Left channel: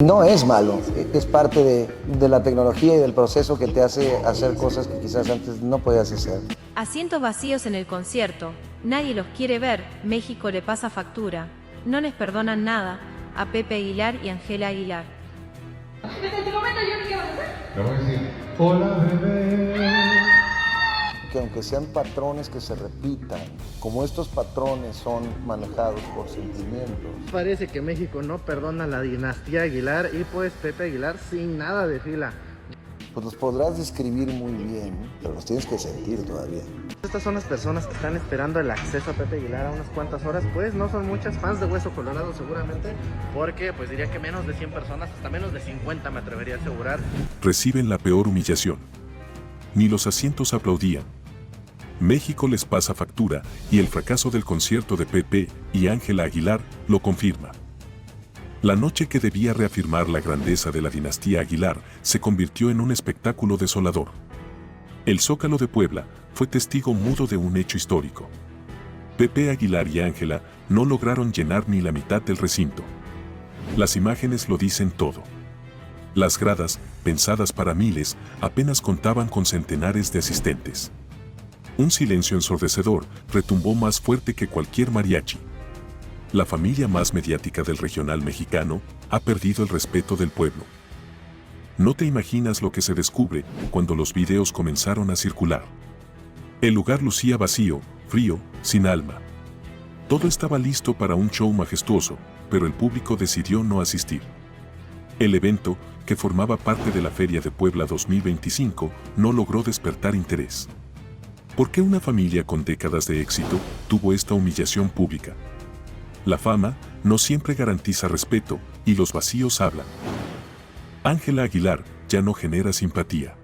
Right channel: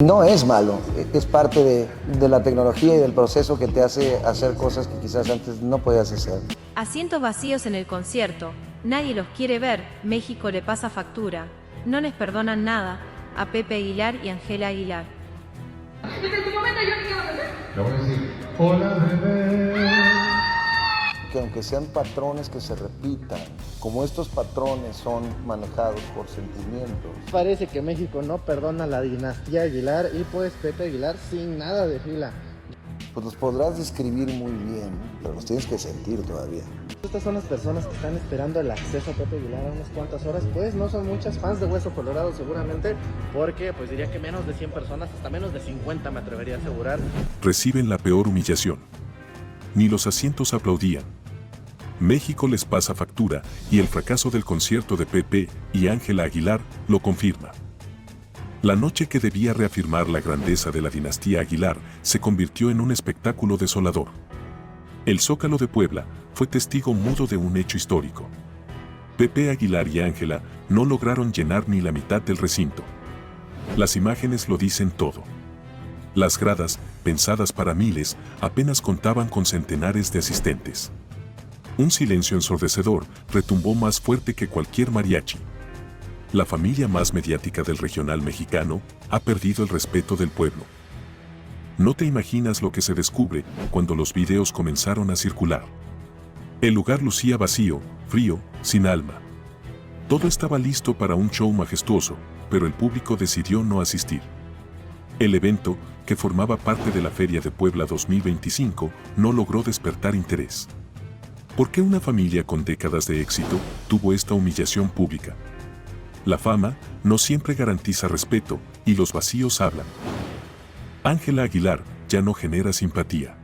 No es malo, es parte de la tecnología y del proceso que te hace hacer cosas que quizás antes no podías hacer. Asientos vacíos en el concierto, nadie los quiere ver, México le pasa factura, no les perdonan nada, a Pepe Aguilar y Ángela Aguilar. Desde ese momento yo ni qué vas a hacer. Le voy a decir, hola bebé. Que aunque sean patrones que se repitan, como estos patrones son manejados por sentimientos. Parece que México no perdona a la dinastía Aguilar y pues Pepe Aguilar sin nada de fila. Pues los podrás describir muy bien, pero los tienes que sentir todavía. Estas son las personas que están esperando el acceso a Pepe Aguilar a unas cuantas horas, pues no son muchas fans de Hueso Colorado seguramente, porque pues diría que menos de 100 personas, hasta menos de 50 me atrevería a asegurar. Reciben la peor humillación. Ni los asientos aplaudían. México les pasa factura y el fracaso del concierto de Pepe y Ángela Aguilar lo confirma. La noche que debía reafirmar la grandeza de la dinastía Aguilar se convirtió en un espectáculo desolador. El Zócalo de Puebla fue testigo mudo de un hecho histórico. Pepe Aguilar y Ángela no lograron llenar ni la mitad del recinto. Las imágenes lo dicen todo. Las gradas, pensadas para miles, apenas contaban con centenares de asistentes. Un silencio ensordecedor retumbó más fuerte que cualquier mariachi. La familia más mediática del regional mexicano ha perdido el respeto del pueblo. No te imaginas lo que se descubre cuando los videos comenzaron a circular. El lugar lucía vacío, frío, sin alma. Todo estaba listo para un show majestuoso, pero el público decidió no asistir. El evento, que formaba parte de la Feria de Puebla 2025, no logró despertar interés. ¿Por qué una familia con décadas de éxito tuvo esta humillación pública? La fama no siempre garantiza respeto y los vacíos hablan. Ángela Aguilar ya no genera simpatía.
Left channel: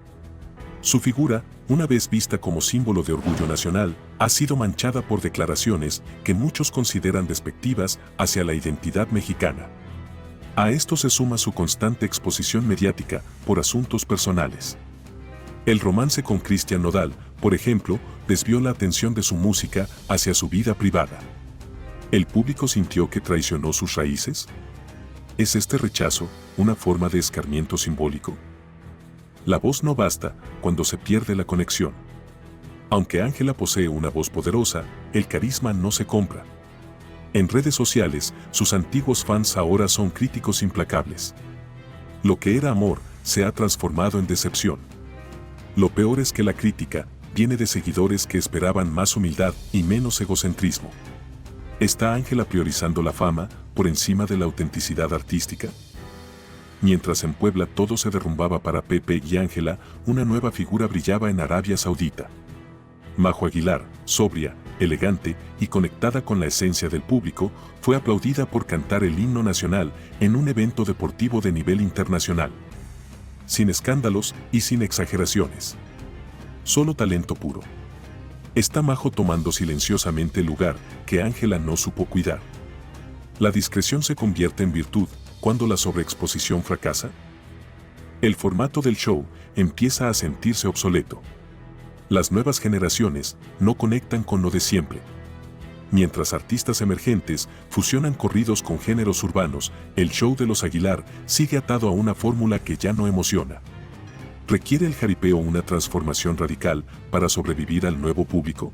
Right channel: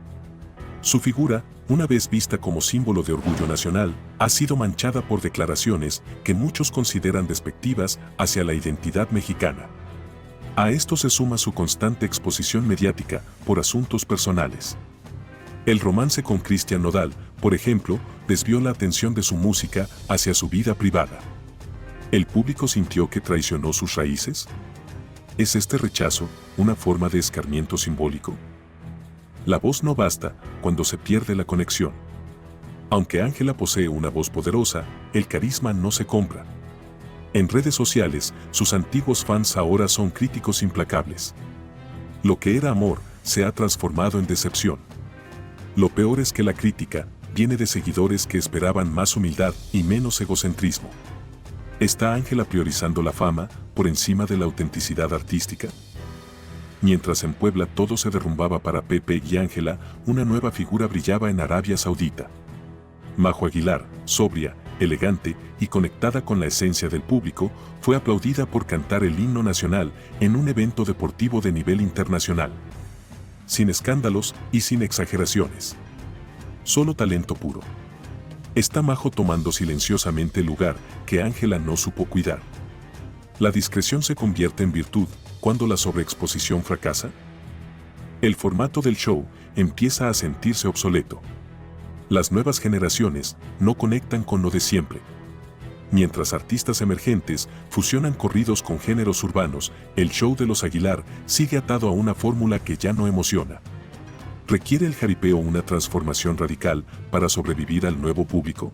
Su figura, una vez vista como símbolo de orgullo nacional, ha sido manchada por declaraciones que muchos consideran despectivas hacia la identidad mexicana. A esto se suma su constante exposición mediática por asuntos personales. El romance con Cristian Nodal, por ejemplo, desvió la atención de su música hacia su vida privada. ¿El público sintió que traicionó sus raíces? ¿Es este rechazo una forma de escarmiento simbólico? La voz no basta cuando se pierde la conexión. Aunque Ángela posee una voz poderosa, el carisma no se compra. En redes sociales, sus antiguos fans ahora son críticos implacables. Lo que era amor se ha transformado en decepción. Lo peor es que la crítica viene de seguidores que esperaban más humildad y menos egocentrismo. ¿Está Ángela priorizando la fama por encima de la autenticidad artística? Mientras en Puebla todo se derrumbaba para Pepe y Ángela, una nueva figura brillaba en Arabia Saudita. Majo Aguilar, sobria, elegante y conectada con la esencia del público, fue aplaudida por cantar el himno nacional en un evento deportivo de nivel internacional. Sin escándalos y sin exageraciones. Solo talento puro. Está Majo tomando silenciosamente el lugar que Ángela no supo cuidar. ¿La discreción se convierte en virtud cuando la sobreexposición fracasa? El formato del show empieza a sentirse obsoleto. Las nuevas generaciones no conectan con lo de siempre. Mientras artistas emergentes fusionan corridos con géneros urbanos, el show de los Aguilar sigue atado a una fórmula que ya no emociona. ¿Requiere el jaripeo una transformación radical para sobrevivir al nuevo público?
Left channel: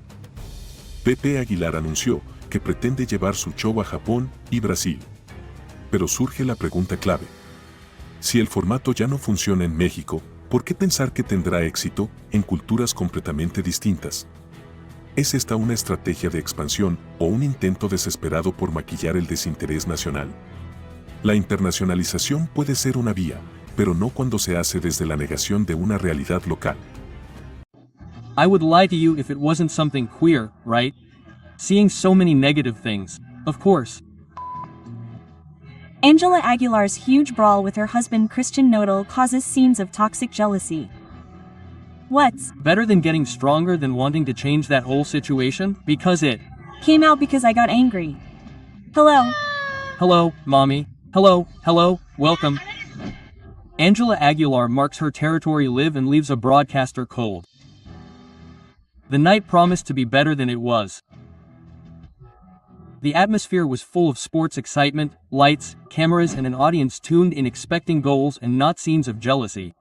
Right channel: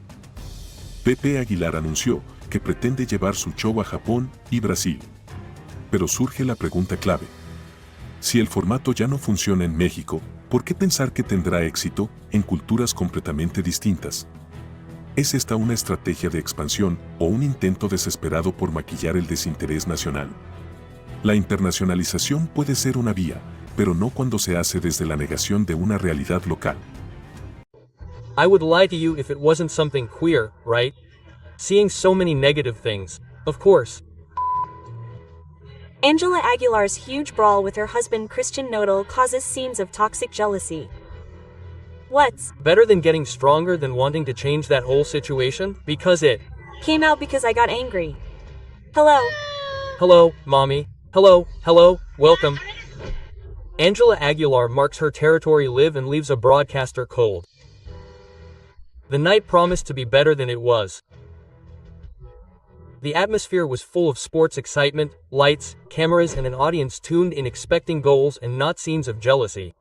Pepe Aguilar anunció que pretende llevar su show a Japón y Brasil. Pero surge la pregunta clave. Si el formato ya no funciona en México, ¿por qué pensar que tendrá éxito en culturas completamente distintas? ¿Es esta una estrategia de expansión o un intento desesperado por maquillar el desinterés nacional? La internacionalización puede ser una vía, pero no cuando se hace desde la negación de una realidad local. I would lie to you if it wasn't something queer, right? Seeing so many negative things, of course. Ángela Aguilar's huge brawl with her husband Cristian Nodal causes scenes of toxic jealousy. What's Better than getting stronger than wanting to change that whole situation, because it came out because I got angry. Hello. Hello, mommy. Hello, welcome. Ángela Aguilar marks her territory live and leaves a broadcaster cold. The night promised to be better than it was. The atmosphere was full of sports excitement, lights, cameras, and an audience tuned in expecting goals and not scenes of jealousy.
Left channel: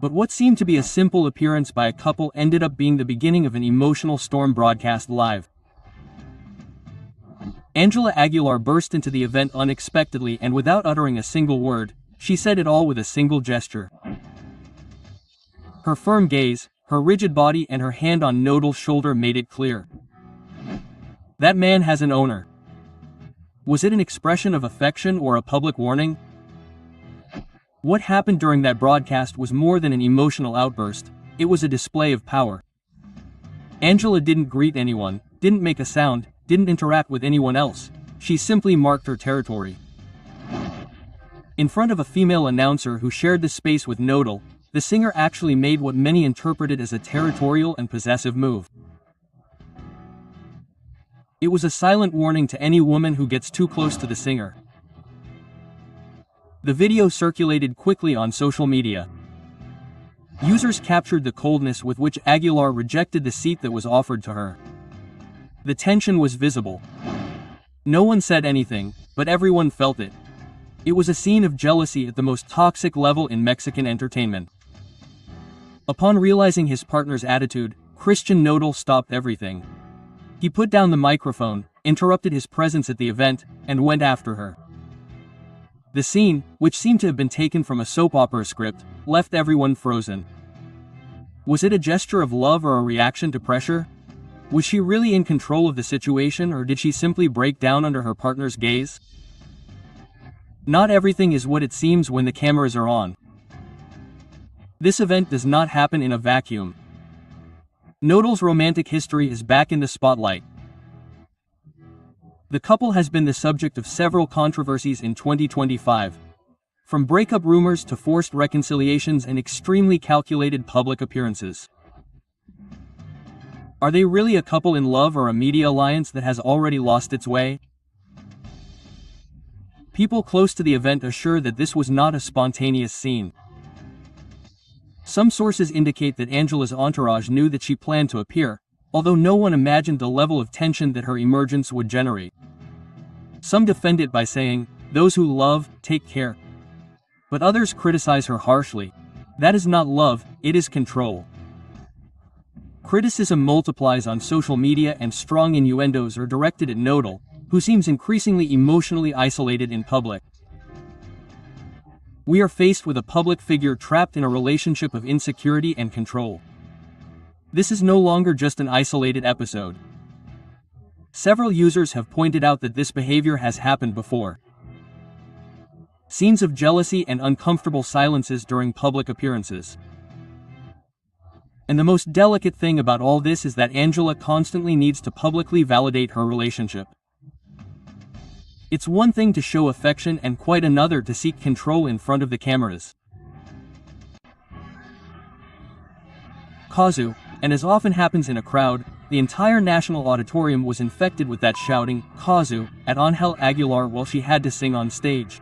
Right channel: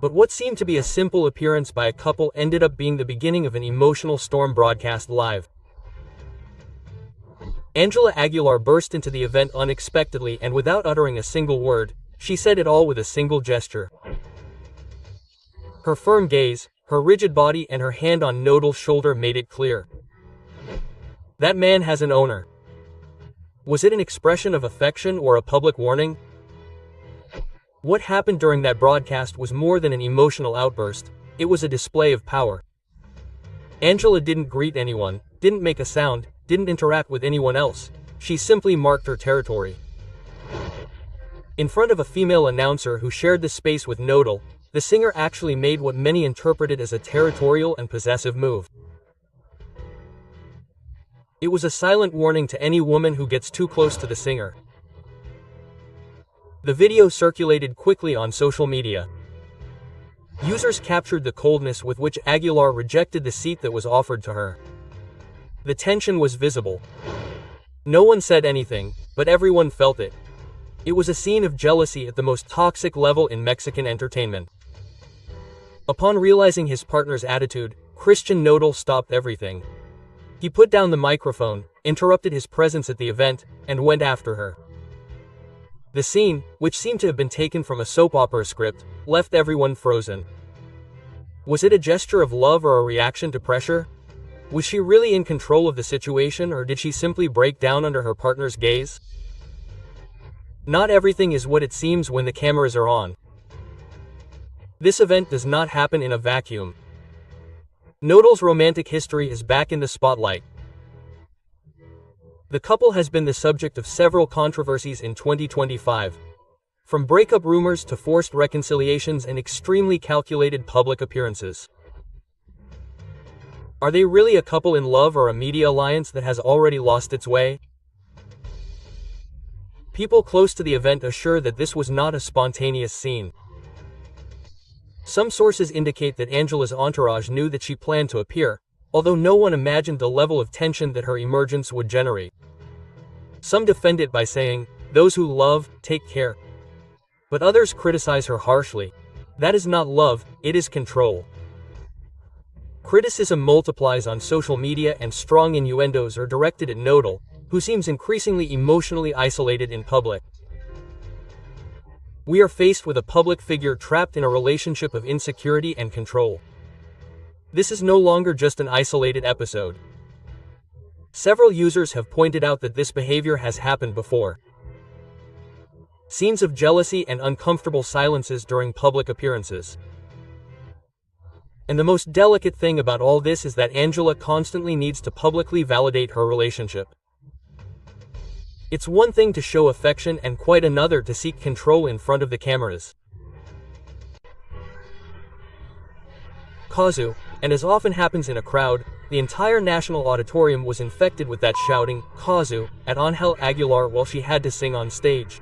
But what seemed to be a simple appearance by a couple ended up being the beginning of an emotional storm broadcast live. Ángela Aguilar burst into the event unexpectedly and without uttering a single word, she said it all with a single gesture. Her firm gaze, her rigid body, and her hand on Nodal's shoulder made it clear. That man has an owner. Was it an expression of affection or a public warning? What happened during that broadcast was more than an emotional outburst, it was a display of power. Ángela didn't greet anyone, didn't make a sound, didn't interact with anyone else. She simply marked her territory. In front of a female announcer who shared the space with Nodal, the singer actually made what many interpreted as a territorial and possessive move. It was a silent warning to any woman who gets too close to the singer. The video circulated quickly on social media. Users captured the coldness with which Aguilar rejected the seat that was offered to her. The tension was visible. No one said anything, but everyone felt it. It was a scene of jealousy at the most toxic level in Mexican entertainment. Upon realizing his partner's attitude, Christian Nodal stopped everything. He put down the microphone, interrupted his presence at the event, and went after her. The scene, which seemed to have been taken from a soap opera script, left everyone frozen. Was it a gesture of love or a reaction to pressure? Was she really in control of the situation, or did she simply break down under her partner's gaze? Not everything is what it seems when the cameras are on. This event does not happen in a vacuum. Nodal's romantic history is back in the spotlight. The couple has been the subject of several controversies in 2025. From breakup rumors to forced reconciliations and extremely calculated public appearances. Are they really a couple in love or a media alliance that has already lost its way? People close to the event assure that this was not a spontaneous scene. Some sources indicate that Ángela's entourage knew that she planned to appear, although no one imagined the level of tension that her emergence would generate. Some defend it by saying, "Those who love, take care." But others criticize her harshly. That is not love, it is control. Criticism multiplies on social media and strong innuendos are directed at Nodal, who seems increasingly emotionally isolated in public. We are faced with a public figure trapped in a relationship of insecurity and control. This is no longer just an isolated episode. Several users have pointed out that this behavior has happened before. Scenes of jealousy and uncomfortable silences during public appearances. And the most delicate thing about all this is that Ángela constantly needs to publicly validate her relationship. It's one thing to show affection and quite another to seek control in front of the cameras. Kazu, and as often happens in a crowd, the entire national auditorium was infected with that shouting, Kazu, at Ángela Aguilar while she had to sing on stage.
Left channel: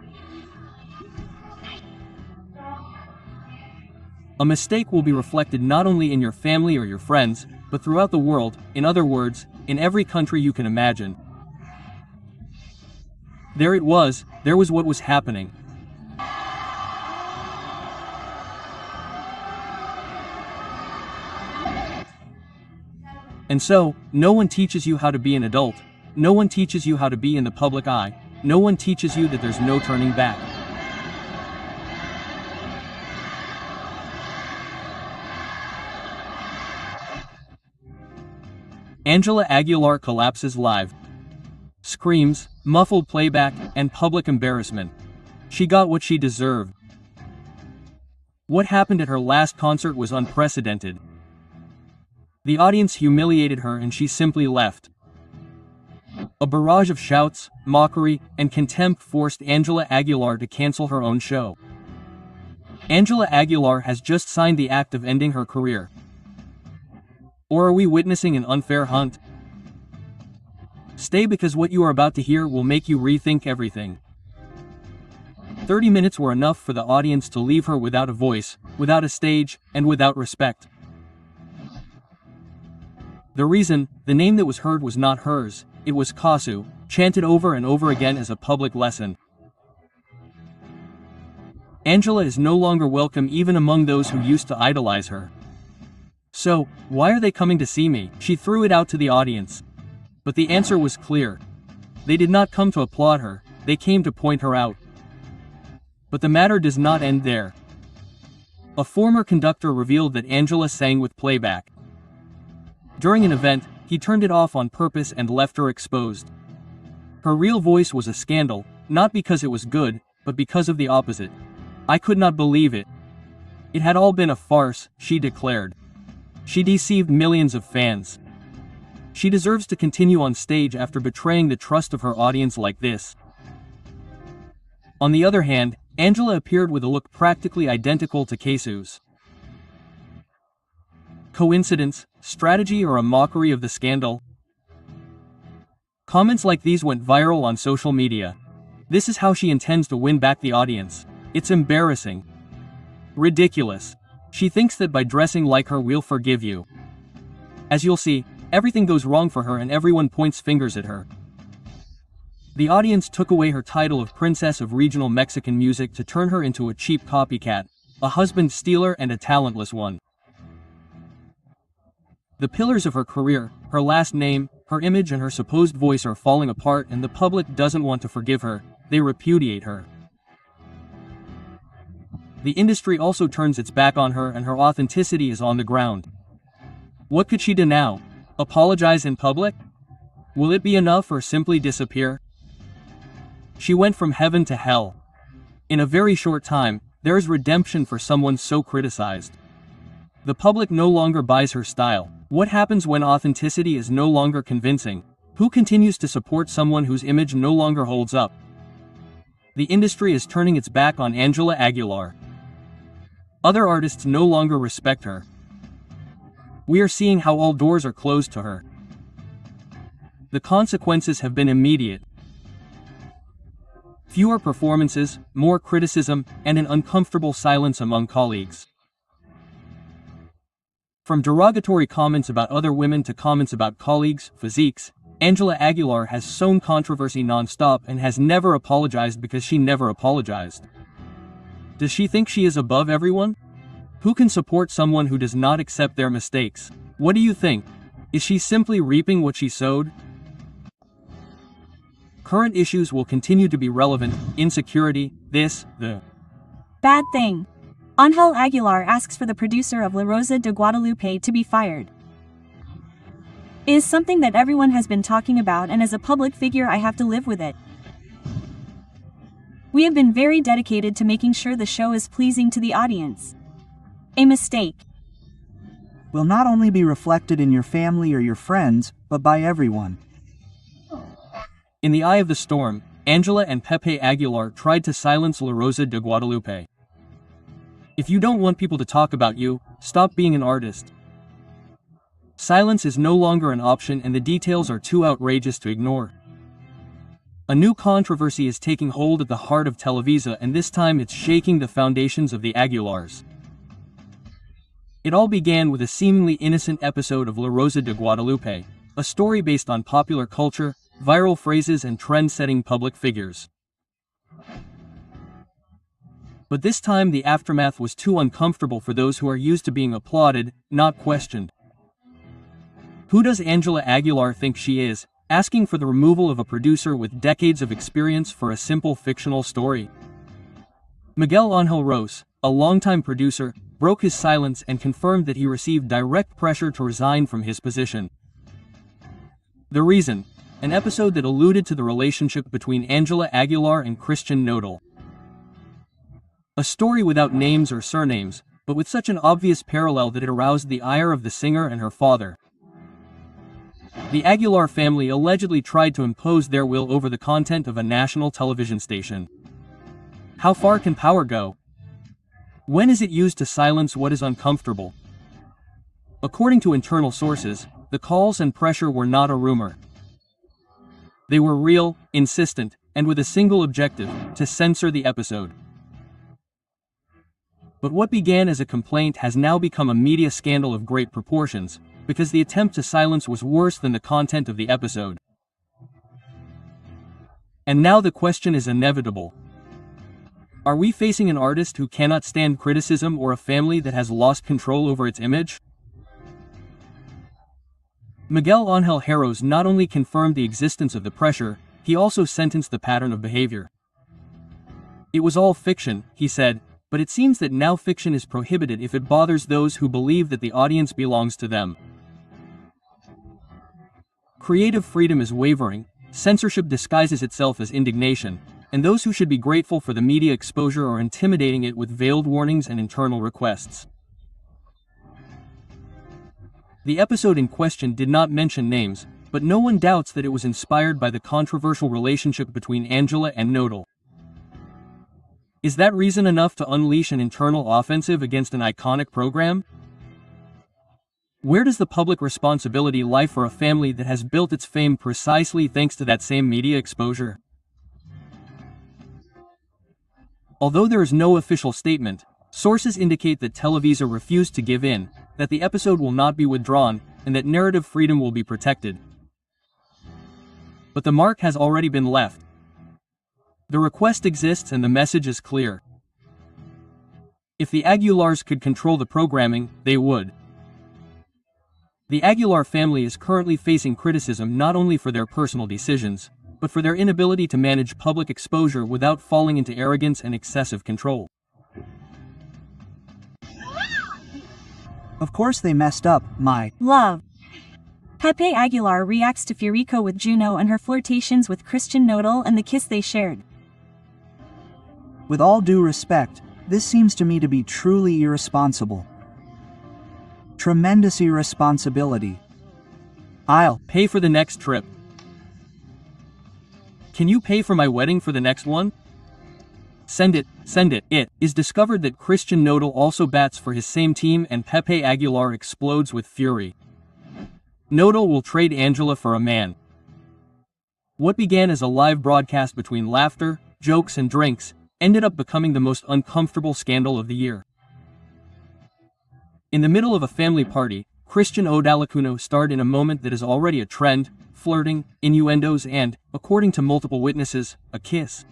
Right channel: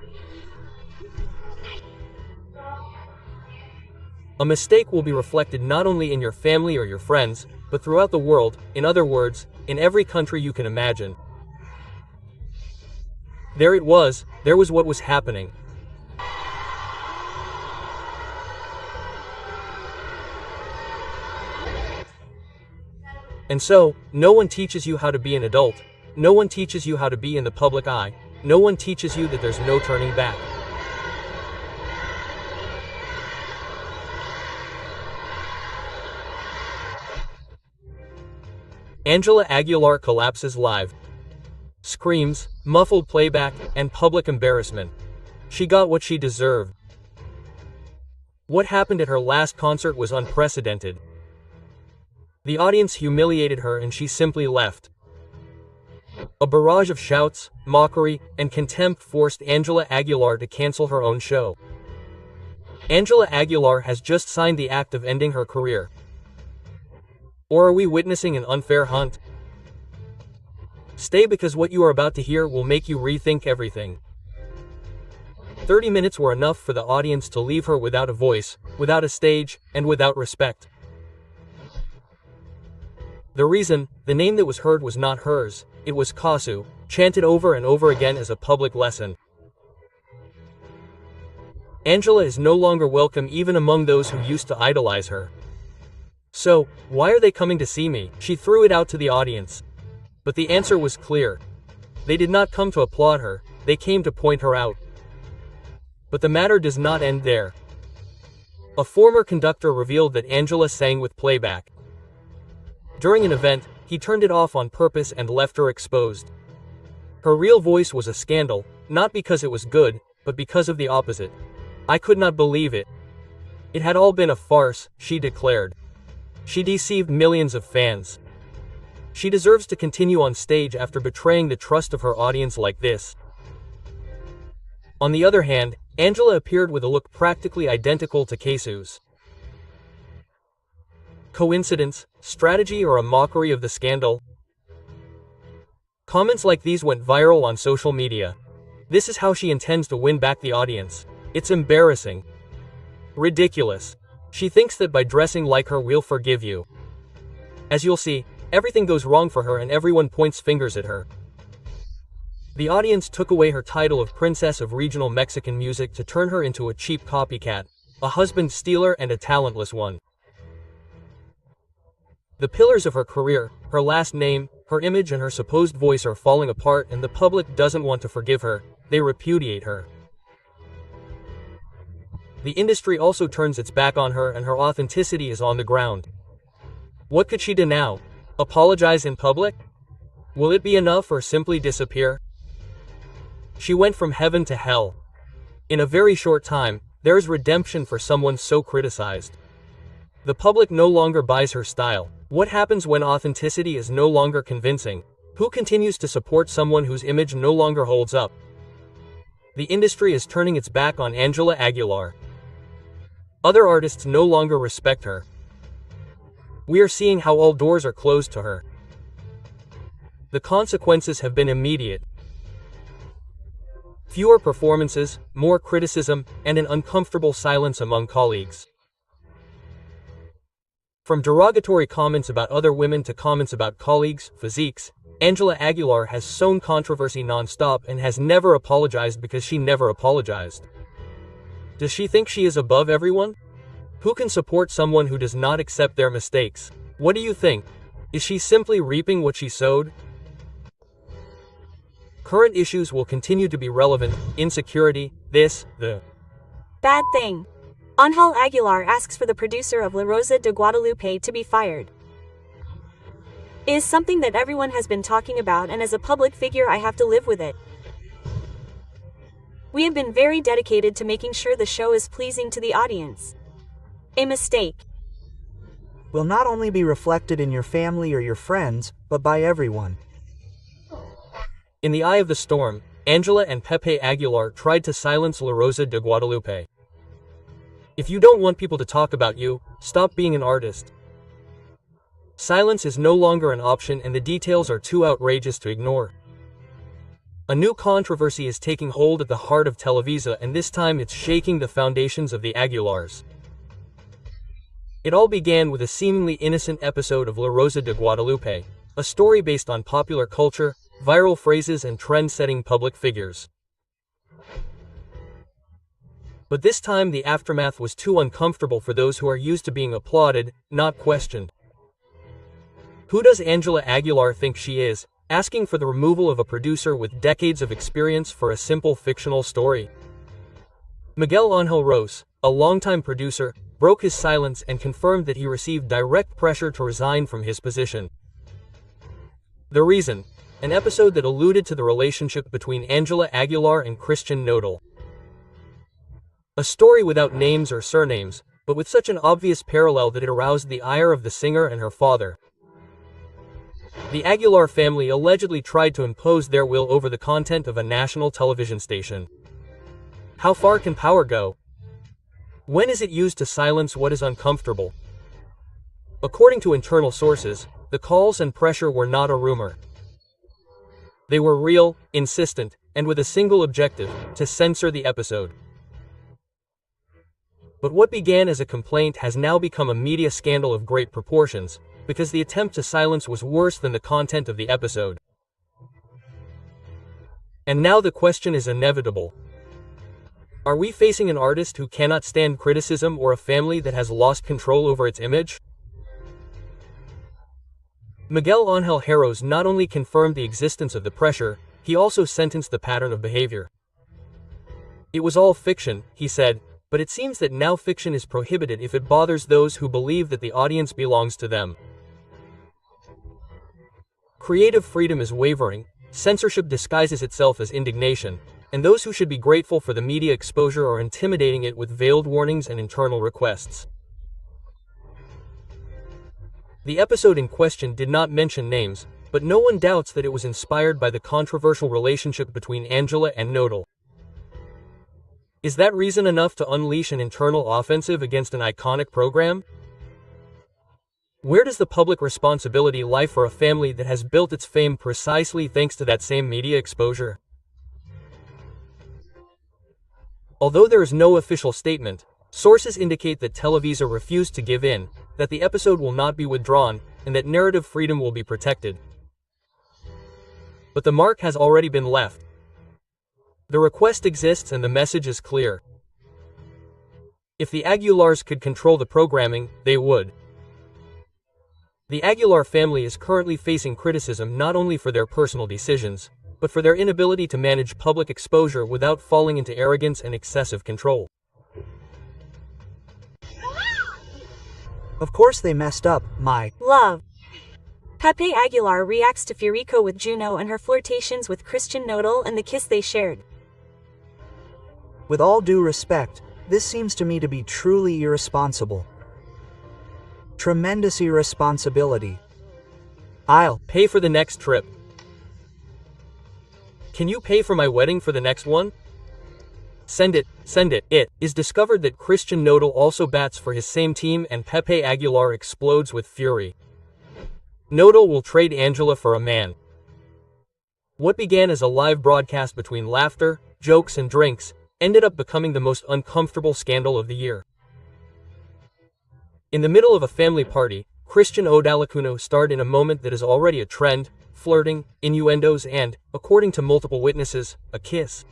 A mistake will be reflected not only in your family or your friends, but throughout the world, in other words, in every country you can imagine. There it was, there was what was happening. And so, no one teaches you how to be an adult, no one teaches you how to be in the public eye, no one teaches you that there's no turning back. Ángela Aguilar collapses live. Screams, muffled playback, and public embarrassment. She got what she deserved. What happened at her last concert was unprecedented. The audience humiliated her and she simply left. A barrage of shouts, mockery, and contempt forced Ángela Aguilar to cancel her own show. Ángela Aguilar has just signed the act of ending her career. Or are we witnessing an unfair hunt? Stay, because what you are about to hear will make you rethink everything. 30 minutes were enough for the audience to leave her without a voice, without a stage, and without respect. The reason, the name that was heard was not hers, it was Kasu, chanted over and over again as a public lesson. Angela is no longer welcome even among those who used to idolize her. So, why are they coming to see me? She threw it out to the audience. But the answer was clear. They did not come to applaud her, they came to point her out. But the matter does not end there. A former conductor revealed that Angela sang with playback. During an event, he turned it off on purpose and left her exposed. Her real voice was a scandal, not because it was good, but because of the opposite. I could not believe it. It had all been a farce, she declared. She deceived millions of fans. She deserves to continue on stage after betraying the trust of her audience like this. On the other hand, Angela appeared with a look practically identical to Kasu's. Coincidence, strategy, or a mockery of the scandal? Comments like these went viral on social media. This is how she intends to win back the audience. It's embarrassing. Ridiculous. She thinks that by dressing like her we'll forgive you. As you'll see, everything goes wrong for her and everyone points fingers at her. The audience took away her title of Princess of Regional Mexican Music to turn her into a cheap copycat, a husband stealer and a talentless one. The pillars of her career, her last name, her image and her supposed voice are falling apart and the public doesn't want to forgive her, they repudiate her. The industry also turns its back on her and her authenticity is on the ground. What could she do now? Apologize in public? Will it be enough or simply disappear? She went from heaven to hell. In a very short time, there is redemption for someone so criticized. The public no longer buys her style. What happens when authenticity is no longer convincing? Who continues to support someone whose image no longer holds up? The industry is turning its back on Ángela Aguilar. Other artists no longer respect her. We are seeing how all doors are closed to her. The consequences have been immediate. Fewer performances, more criticism, and an uncomfortable silence among colleagues. From derogatory comments about other women to comments about colleagues' physiques, Ángela Aguilar has sown controversy non-stop and has never apologized because she never apologized. Does she think she is above everyone? Who can support someone who does not accept their mistakes? What do you think? Is she simply reaping what she sowed? Current issues will continue to be relevant: insecurity, the bad thing. Ángela Aguilar asks for the producer of La Rosa de Guadalupe to be fired. It is something that everyone has been talking about, and as a public figure I have to live with it. We have been very dedicated to making sure the show is pleasing to the audience. A mistake will not only be reflected in your family or your friends, but by everyone. In the eye of the storm, Ángela and Pepe Aguilar tried to silence La Rosa de Guadalupe. If you don't want people to talk about you, stop being an artist. Silence is no longer an option and the details are too outrageous to ignore. A new controversy is taking hold at the heart of Televisa, and this time it's shaking the foundations of the Aguilars. It all began with a seemingly innocent episode of La Rosa de Guadalupe, a story based on popular culture, viral phrases and trend-setting public figures. But this time the aftermath was too uncomfortable for those who are used to being applauded, not questioned. Who does Ángela Aguilar think she is, asking for the removal of a producer with decades of experience for a simple fictional story? Miguel Ángel Ros, a longtime producer, broke his silence and confirmed that he received direct pressure to resign from his position. The reason? An episode that alluded to the relationship between Ángela Aguilar and Christian Nodal. A story without names or surnames, but with such an obvious parallel that it aroused the ire of the singer and her father. The Aguilar family allegedly tried to impose their will over the content of a national television station. How far can power go? When is it used to silence what is uncomfortable? According to internal sources, the calls and pressure were not a rumor. They were real, insistent, and with a single objective: to censor the episode. But what began as a complaint has now become a media scandal of great proportions, because the attempt to silence was worse than the content of the episode. And now the question is inevitable. Are we facing an artist who cannot stand criticism or a family that has lost control over its image? Miguel Ángel Harroz not only confirmed the existence of the pressure, he also sentenced the pattern of behavior. It was all fiction, he said, but it seems that now fiction is prohibited if it bothers those who believe that the audience belongs to them. Creative freedom is wavering, censorship disguises itself as indignation, and those who should be grateful for the media exposure are intimidating it with veiled warnings and internal requests. The episode in question did not mention names, but no one doubts that it was inspired by the controversial relationship between Angela and Nodal. Is that reason enough to unleash an internal offensive against an iconic program? Where does the public responsibility lie for a family that has built its fame precisely thanks to that same media exposure? Although there is no official statement, sources indicate that Televisa refused to give in, that the episode will not be withdrawn, and that narrative freedom will be protected. But the mark has already been left. The request exists and the message is clear. If the Aguilars could control the programming, they would. The Aguilar family is currently facing criticism not only for their personal decisions, but for their inability to manage public exposure without falling into arrogance and excessive control. Of course they messed up, my love. Pepe Aguilar reacts to Furico with Juno and her flirtations with Christian Nodal and the kiss they shared. With all due respect, this seems to me to be truly irresponsible. Tremendous irresponsibility. I'll pay for the next trip. Can you pay for my wedding for the next one? Send it, send it. It is discovered that Christian Nodal also bats for his same team and Pepe Aguilar explodes with fury. Nodal will trade Angela for a man. What began as a live broadcast between laughter, jokes and drinks, ended up becoming the most uncomfortable scandal of the year. In the middle of a family party, Christian Odalacuno starred in a moment that is already a trend, flirting, innuendos and, according to multiple witnesses, a kiss.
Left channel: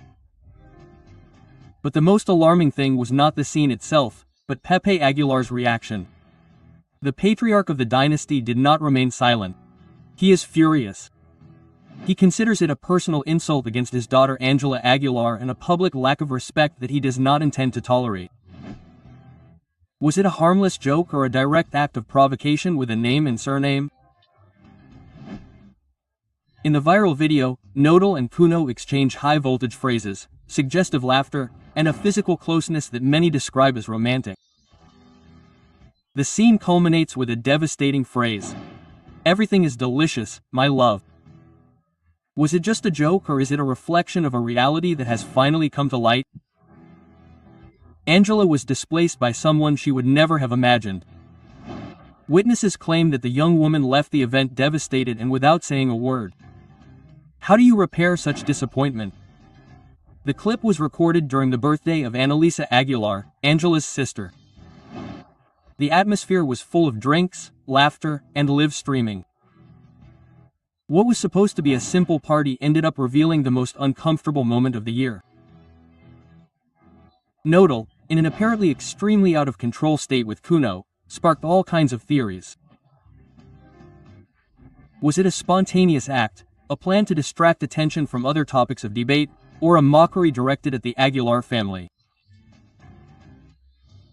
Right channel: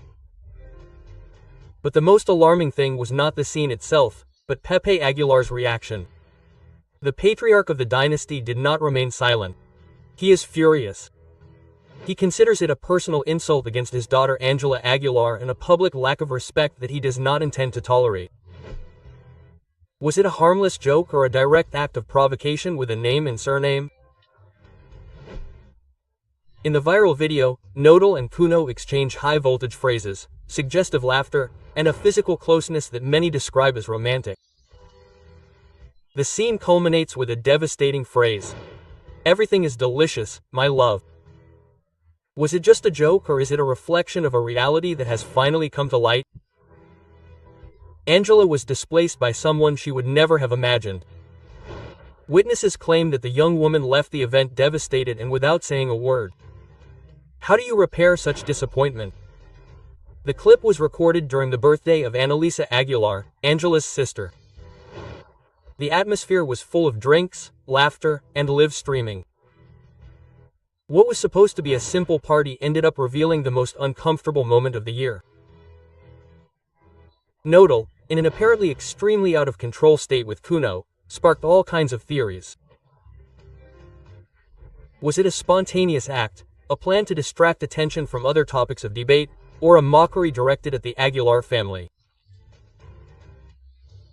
But the most alarming thing was not the scene itself, but Pepe Aguilar's reaction. The patriarch of the dynasty did not remain silent. He is furious. He considers it a personal insult against his daughter Angela Aguilar and a public lack of respect that he does not intend to tolerate. Was it a harmless joke or a direct act of provocation with a name and surname? In the viral video, Nodal and Cuno exchange high-voltage phrases, suggestive laughter, and a physical closeness that many describe as romantic. The scene culminates with a devastating phrase. "Everything is delicious, my love." Was it just a joke or is it a reflection of a reality that has finally come to light? Angela was displaced by someone she would never have imagined. Witnesses claim that the young woman left the event devastated and without saying a word. How do you repair such disappointment? The clip was recorded during the birthday of Annalisa Aguilar, Angela's sister. The atmosphere was full of drinks, laughter, and live streaming. What was supposed to be a simple party ended up revealing the most uncomfortable moment of the year. Nodal, in an apparently extremely out-of-control state with Cuno, sparked all kinds of theories. Was it a spontaneous act, a plan to distract attention from other topics of debate, or a mockery directed at the Aguilar family?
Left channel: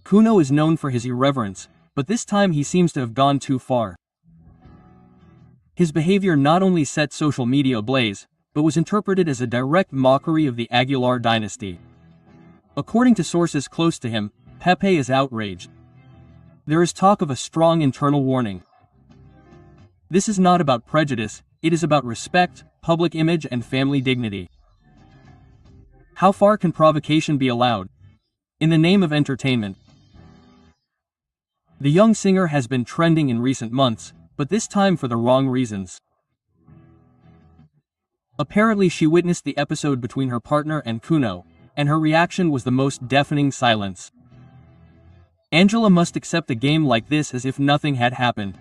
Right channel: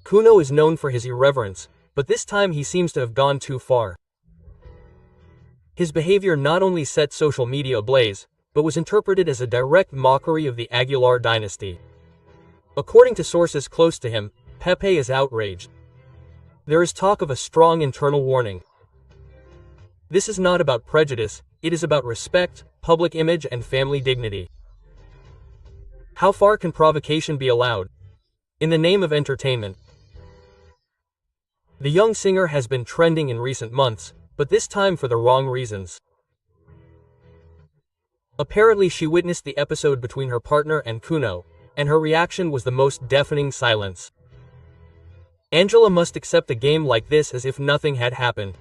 Cuno is known for his irreverence, but this time he seems to have gone too far. His behavior not only set social media ablaze, but was interpreted as a direct mockery of the Aguilar dynasty. According to sources close to him, Pepe is outraged. There is talk of a strong internal warning. This is not about prejudice, it is about respect, public image and family dignity. How far can provocation be allowed? In the name of entertainment. The young singer has been trending in recent months, but this time for the wrong reasons. Apparently she witnessed the episode between her partner and Cuno, and her reaction was the most deafening silence. Angela must accept a game like this as if nothing had happened.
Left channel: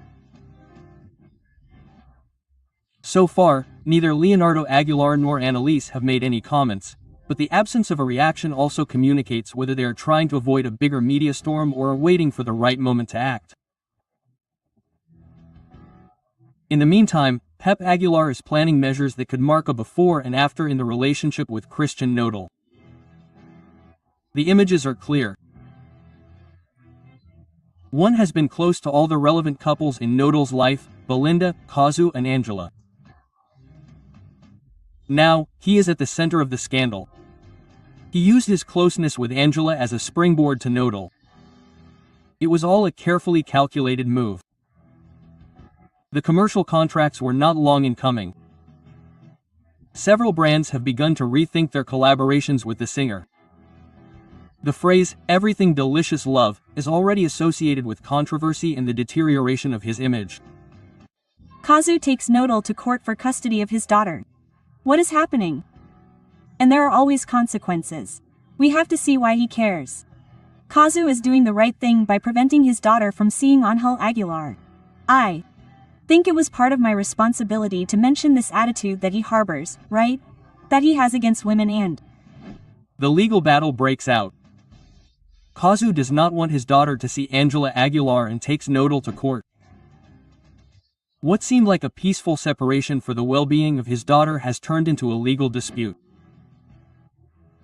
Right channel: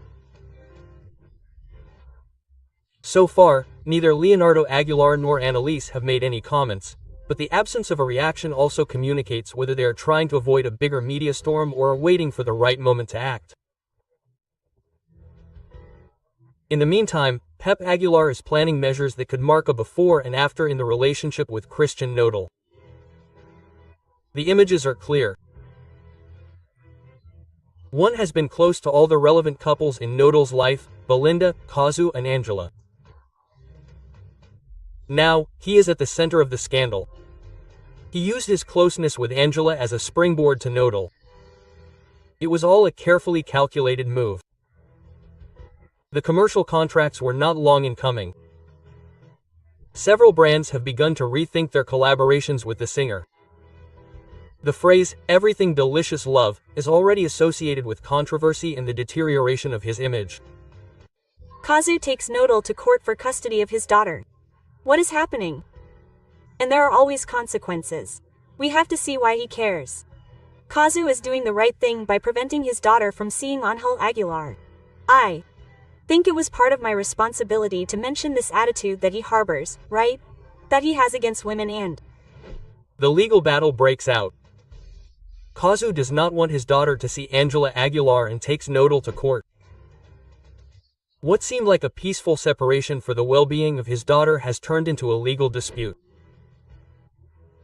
So far, neither Leonardo Aguilar nor Annalise have made any comments, but the absence of a reaction also communicates whether they are trying to avoid a bigger media storm or are waiting for the right moment to act. In the meantime, Pep Aguilar is planning measures that could mark a before and after in the relationship with Christian Nodal. The images are clear. One has been close to all the relevant couples in Nodal's life, Belinda, Kazu and Angela. Now, he is at the center of the scandal. He used his closeness with Angela as a springboard to Nodal. It was all a carefully calculated move. The commercial contracts were not long in coming. Several brands have begun to rethink their collaborations with the singer. The phrase, "everything delicious love," is already associated with controversy and the deterioration of his image. Kazu takes Nodal to court for custody of his daughter. What is happening? And there are always consequences. We have to see why he cares. Kazu is doing the right thing by preventing his daughter from seeing Ángela Aguilar. I think it was part of my responsibility to mention this attitude that he harbors, right? That he has against women and... The legal battle breaks out. Kazu does not want his daughter to see Ángela Aguilar and takes Nodal to court. What seemed like a peaceful separation for the well-being of his daughter has turned into a legal dispute.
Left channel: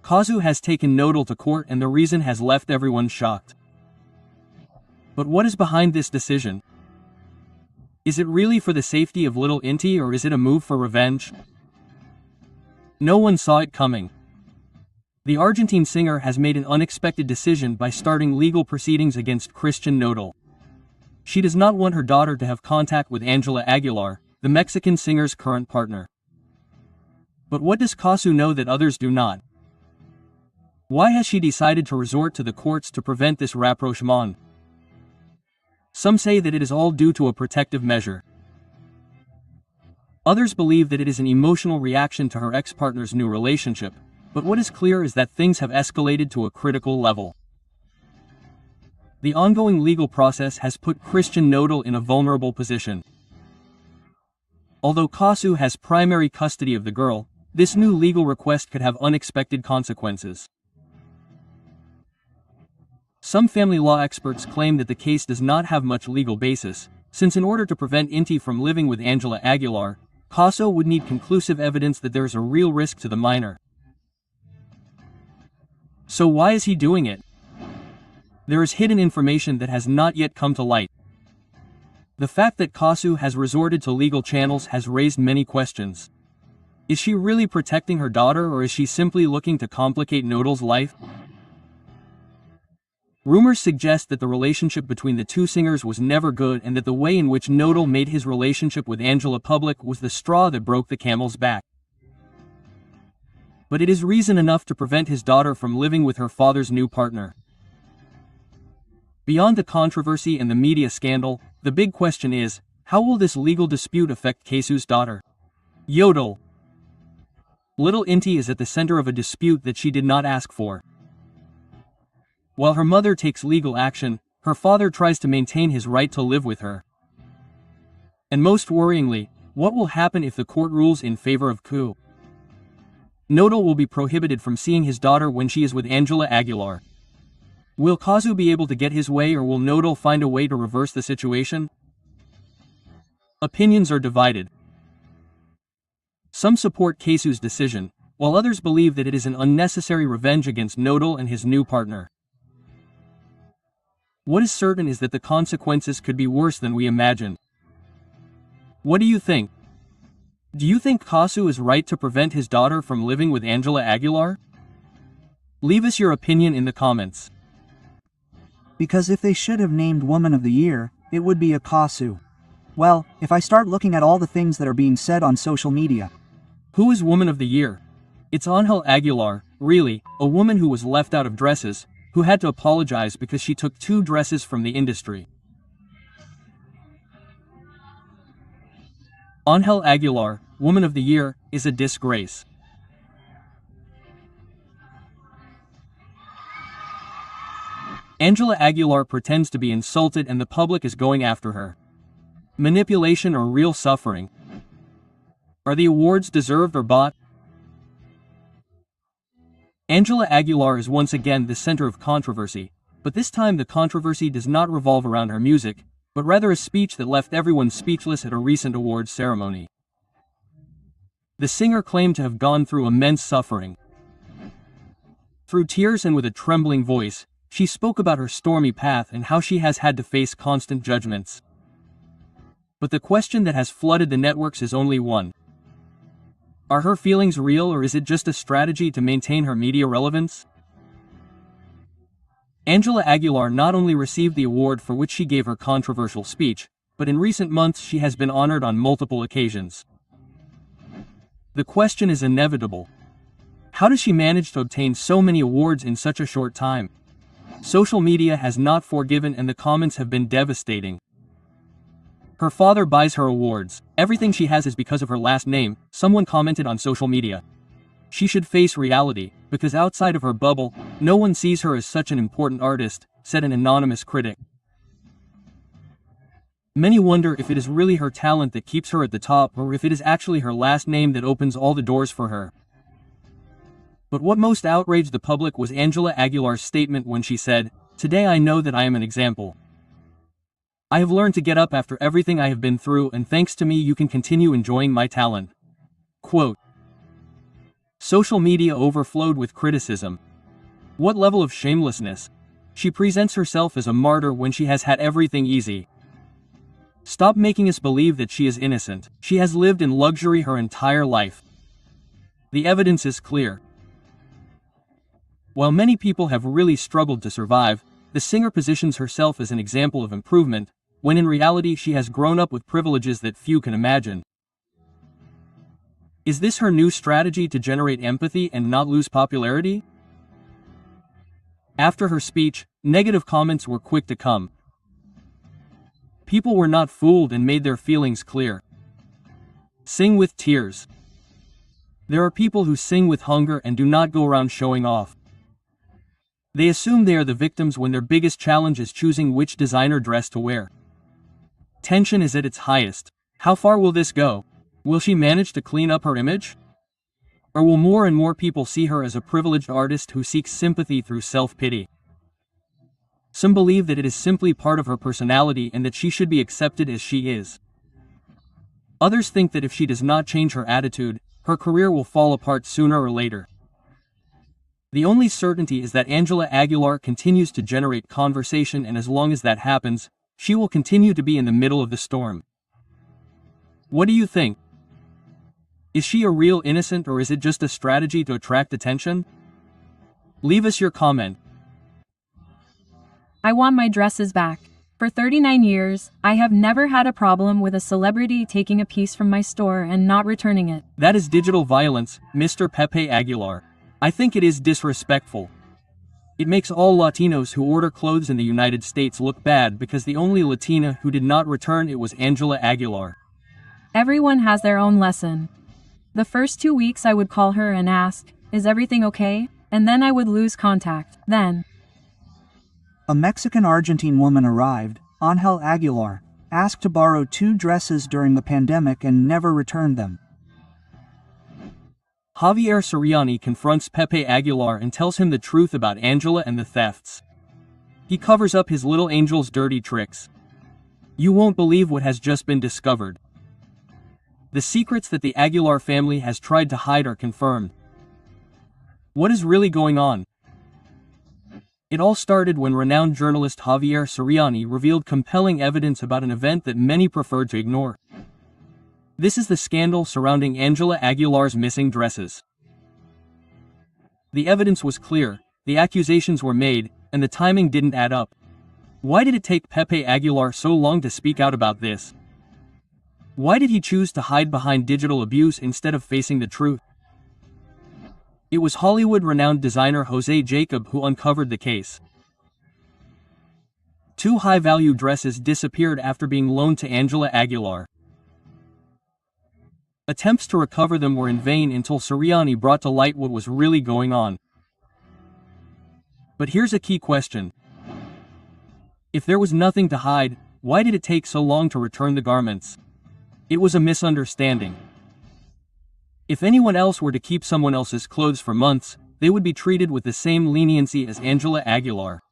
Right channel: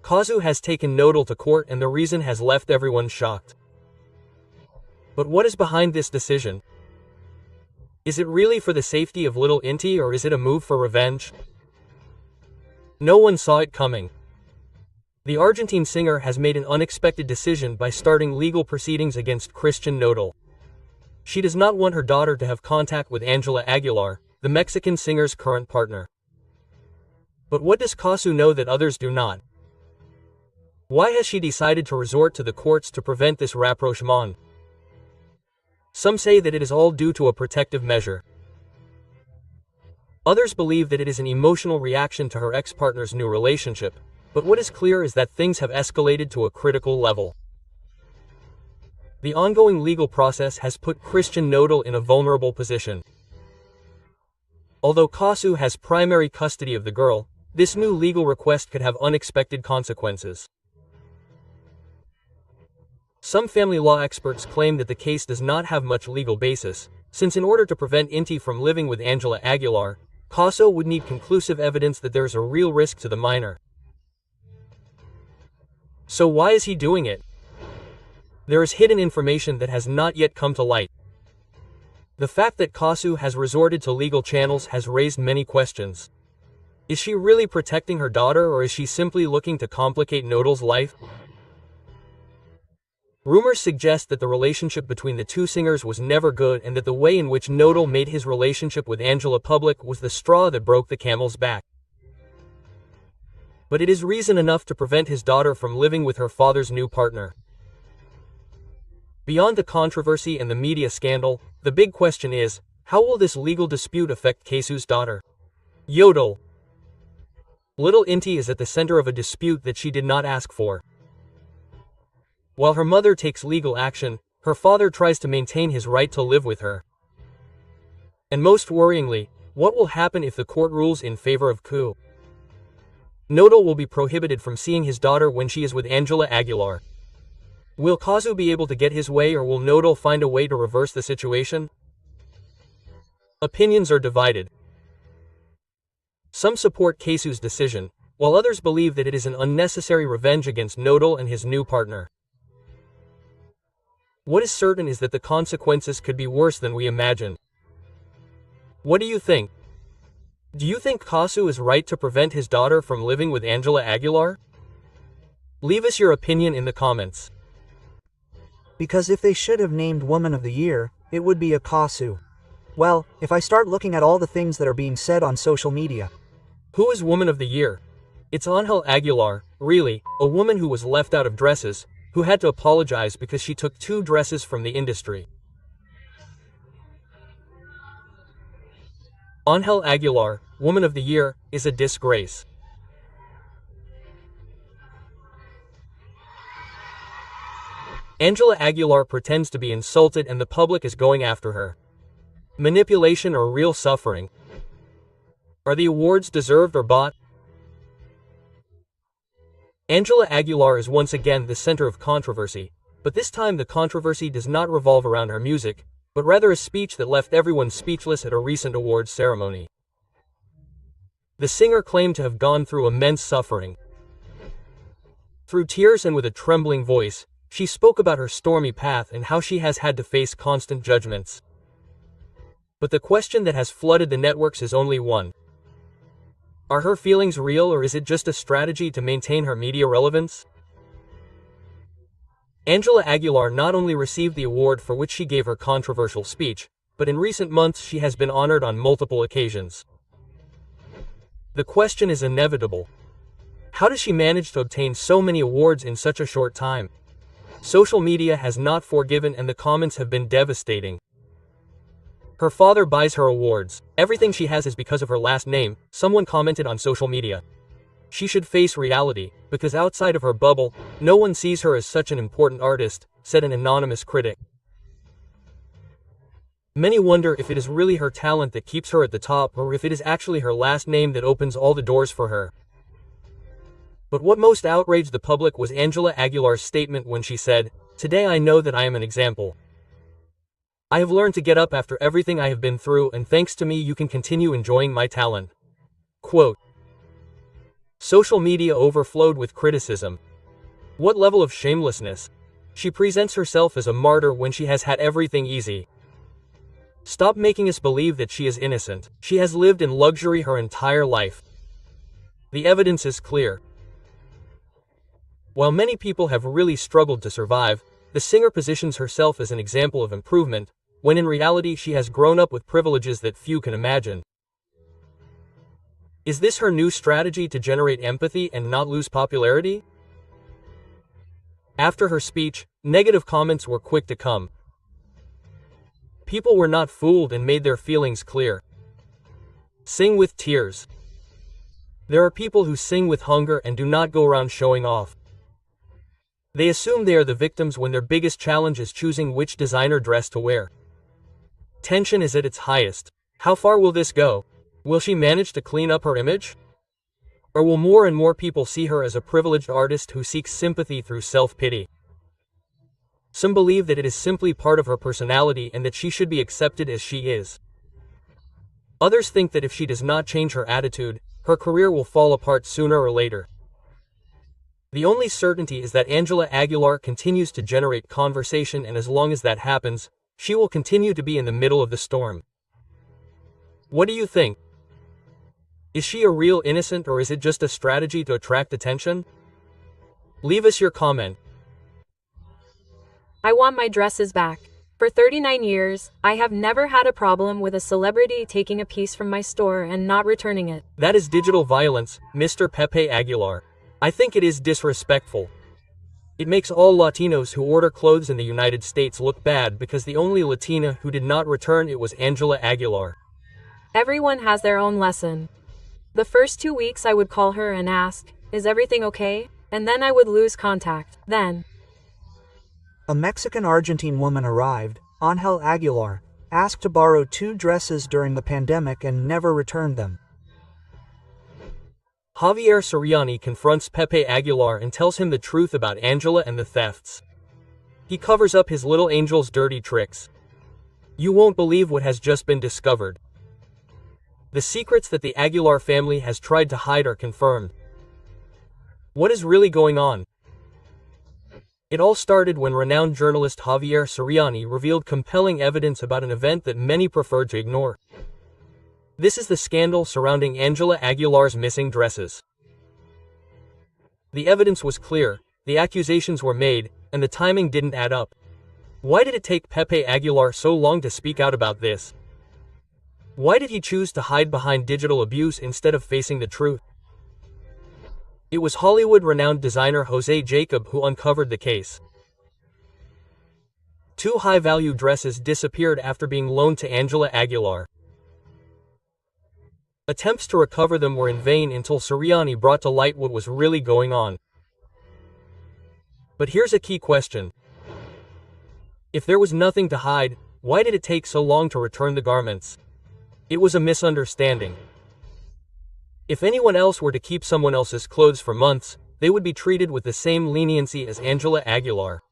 Kazu has taken Nodal to court and the reason has left everyone shocked. But what is behind this decision? Is it really for the safety of little Inti or is it a move for revenge? No one saw it coming. The Argentine singer has made an unexpected decision by starting legal proceedings against Christian Nodal. She does not want her daughter to have contact with Ángela Aguilar, the Mexican singer's current partner. But what does Kazu know that others do not? Why has she decided to resort to the courts to prevent this rapprochement? Some say that it is all due to a protective measure. Others believe that it is an emotional reaction to her ex-partner's new relationship, but what is clear is that things have escalated to a critical level. The ongoing legal process has put Christian Nodal in a vulnerable position. Although Kazu has primary custody of the girl, this new legal request could have unexpected consequences. Some family law experts claim that the case does not have much legal basis, since in order to prevent Inti from living with Ángela Aguilar, Kazu would need conclusive evidence that there is a real risk to the minor. So why is he doing it? There is hidden information that has not yet come to light. The fact that Kazu has resorted to legal channels has raised many questions. Is she really protecting her daughter or is she simply looking to complicate Nodal's life? Rumors suggest that the relationship between the two singers was never good and that the way in which Nodal made his relationship with Angela public was the straw that broke the camel's back. But it is reason enough to prevent his daughter from living with her father's new partner. Beyond the controversy and the media scandal, the big question is, how will this legal dispute affect Kazu's daughter? Yodel. Little Inti is at the center of a dispute that she did not ask for. While her mother takes legal action, her father tries to maintain his right to live with her. And most worryingly, what will happen if the court rules in favor of Kazu? Nodal will be prohibited from seeing his daughter when she is with Ángela Aguilar. Will Kazu be able to get his way or will Nodal find a way to reverse the situation? Opinions are divided. Some support Kazu's decision, while others believe that it is an unnecessary revenge against Nodal and his new partner. What is certain is that the consequences could be worse than we imagine. What do you think? Do you think Kazu is right to prevent his daughter from living with Ángela Aguilar? Leave us your opinion in the comments. Because if they should have named Woman of the Year, it would be a Kazu. Well, if I start looking at all the things that are being said on social media. Who is Woman of the Year? It's Ángela Aguilar, really, a woman who was left out of dresses, who had to apologize because she took 2 dresses from the industry. Ángela Aguilar, Woman of the Year, is a disgrace. Ángela Aguilar pretends to be insulted and the public is going after her. Manipulation or real suffering? Are the awards deserved or bought? Ángela Aguilar is once again the center of controversy, but this time the controversy does not revolve around her music, but rather a speech that left everyone speechless at a recent awards ceremony. The singer claimed to have gone through immense suffering. Through tears and with a trembling voice, she spoke about her stormy path and how she has had to face constant judgments. But the question that has flooded the networks is only one. Are her feelings real, or is it just a strategy to maintain her media relevance? Ángela Aguilar not only received the award for which she gave her controversial speech, but in recent months she has been honored on multiple occasions. The question is inevitable. How does she manage to obtain so many awards in such a short time? Social media has not forgiven and the comments have been devastating. Her father buys her awards. Everything she has is because of her last name, someone commented on social media. She should face reality, because outside of her bubble, no one sees her as such an important artist, said an anonymous critic. Many wonder if it is really her talent that keeps her at the top, or if it is actually her last name that opens all the doors for her. But what most outraged the public was Ángela Aguilar's statement when she said, "Today I know that I am an example. I have learned to get up after everything I have been through, and thanks to me you can continue enjoying my talent." Quote. Social media overflowed with criticism. What level of shamelessness? She presents herself as a martyr when she has had everything easy. Stop making us believe that she is innocent. She has lived in luxury her entire life. The evidence is clear. While many people have really struggled to survive, the singer positions herself as an example of improvement, when in reality she has grown up with privileges that few can imagine. Is this her new strategy to generate empathy and not lose popularity? After her speech, negative comments were quick to come. People were not fooled and made their feelings clear. Sing with tears. There are people who sing with hunger and do not go around showing off. They assume they are the victims when their biggest challenge is choosing which designer dress to wear. Tension is at its highest. How far will this go? Will she manage to clean up her image? Or will more and more people see her as a privileged artist who seeks sympathy through self-pity? Some believe that it is simply part of her personality and that she should be accepted as she is. Others think that if she does not change her attitude, her career will fall apart sooner or later. The only certainty is that Ángela Aguilar continues to generate conversation, and as long as that happens, she will continue to be in the middle of the storm. What do you think? Is she a real innocent, or is it just a strategy to attract attention? Leave us your comment. I want my dresses back. For 39 years, I have never had a problem with a celebrity taking a piece from my store and not returning it. That is digital violence, Mr. Pepe Aguilar. I think it is disrespectful. It makes all Latinos who order clothes in the United States look bad because the only Latina who did not return it was Ángela Aguilar. Everyone has their own lesson. The first 2 weeks I would call her and ask, "Is everything okay?" And then I would lose contact. Then A Mexican-Argentine woman arrived, Ángela Aguilar, asked to borrow 2 dresses during the pandemic and never returned them. Javier Soriani confronts Pepe Aguilar and tells him the truth about Ángela and the thefts. He covers up his little angel's dirty tricks. You won't believe what has just been discovered. The secrets that the Aguilar family has tried to hide are confirmed. What is really going on? It all started when renowned journalist Javier Soriani revealed compelling evidence about an event that many preferred to ignore. This is the scandal surrounding Ángela Aguilar's missing dresses. The evidence was clear, the accusations were made, and the timing didn't add up. Why did it take Pepe Aguilar so long to speak out about this? Why did he choose to hide behind digital abuse instead of facing the truth? It was Hollywood-renowned designer Jose Jacob who uncovered the case. 2 high-value dresses disappeared after being loaned to Ángela Aguilar. Attempts to recover them were in vain until Soriani brought to light what was really going on. But here's a key question. If there was nothing to hide, why did it take so long to return the garments? It was a misunderstanding. If anyone else were to keep someone else's clothes for months, they would be treated with the same leniency as Ángela Aguilar.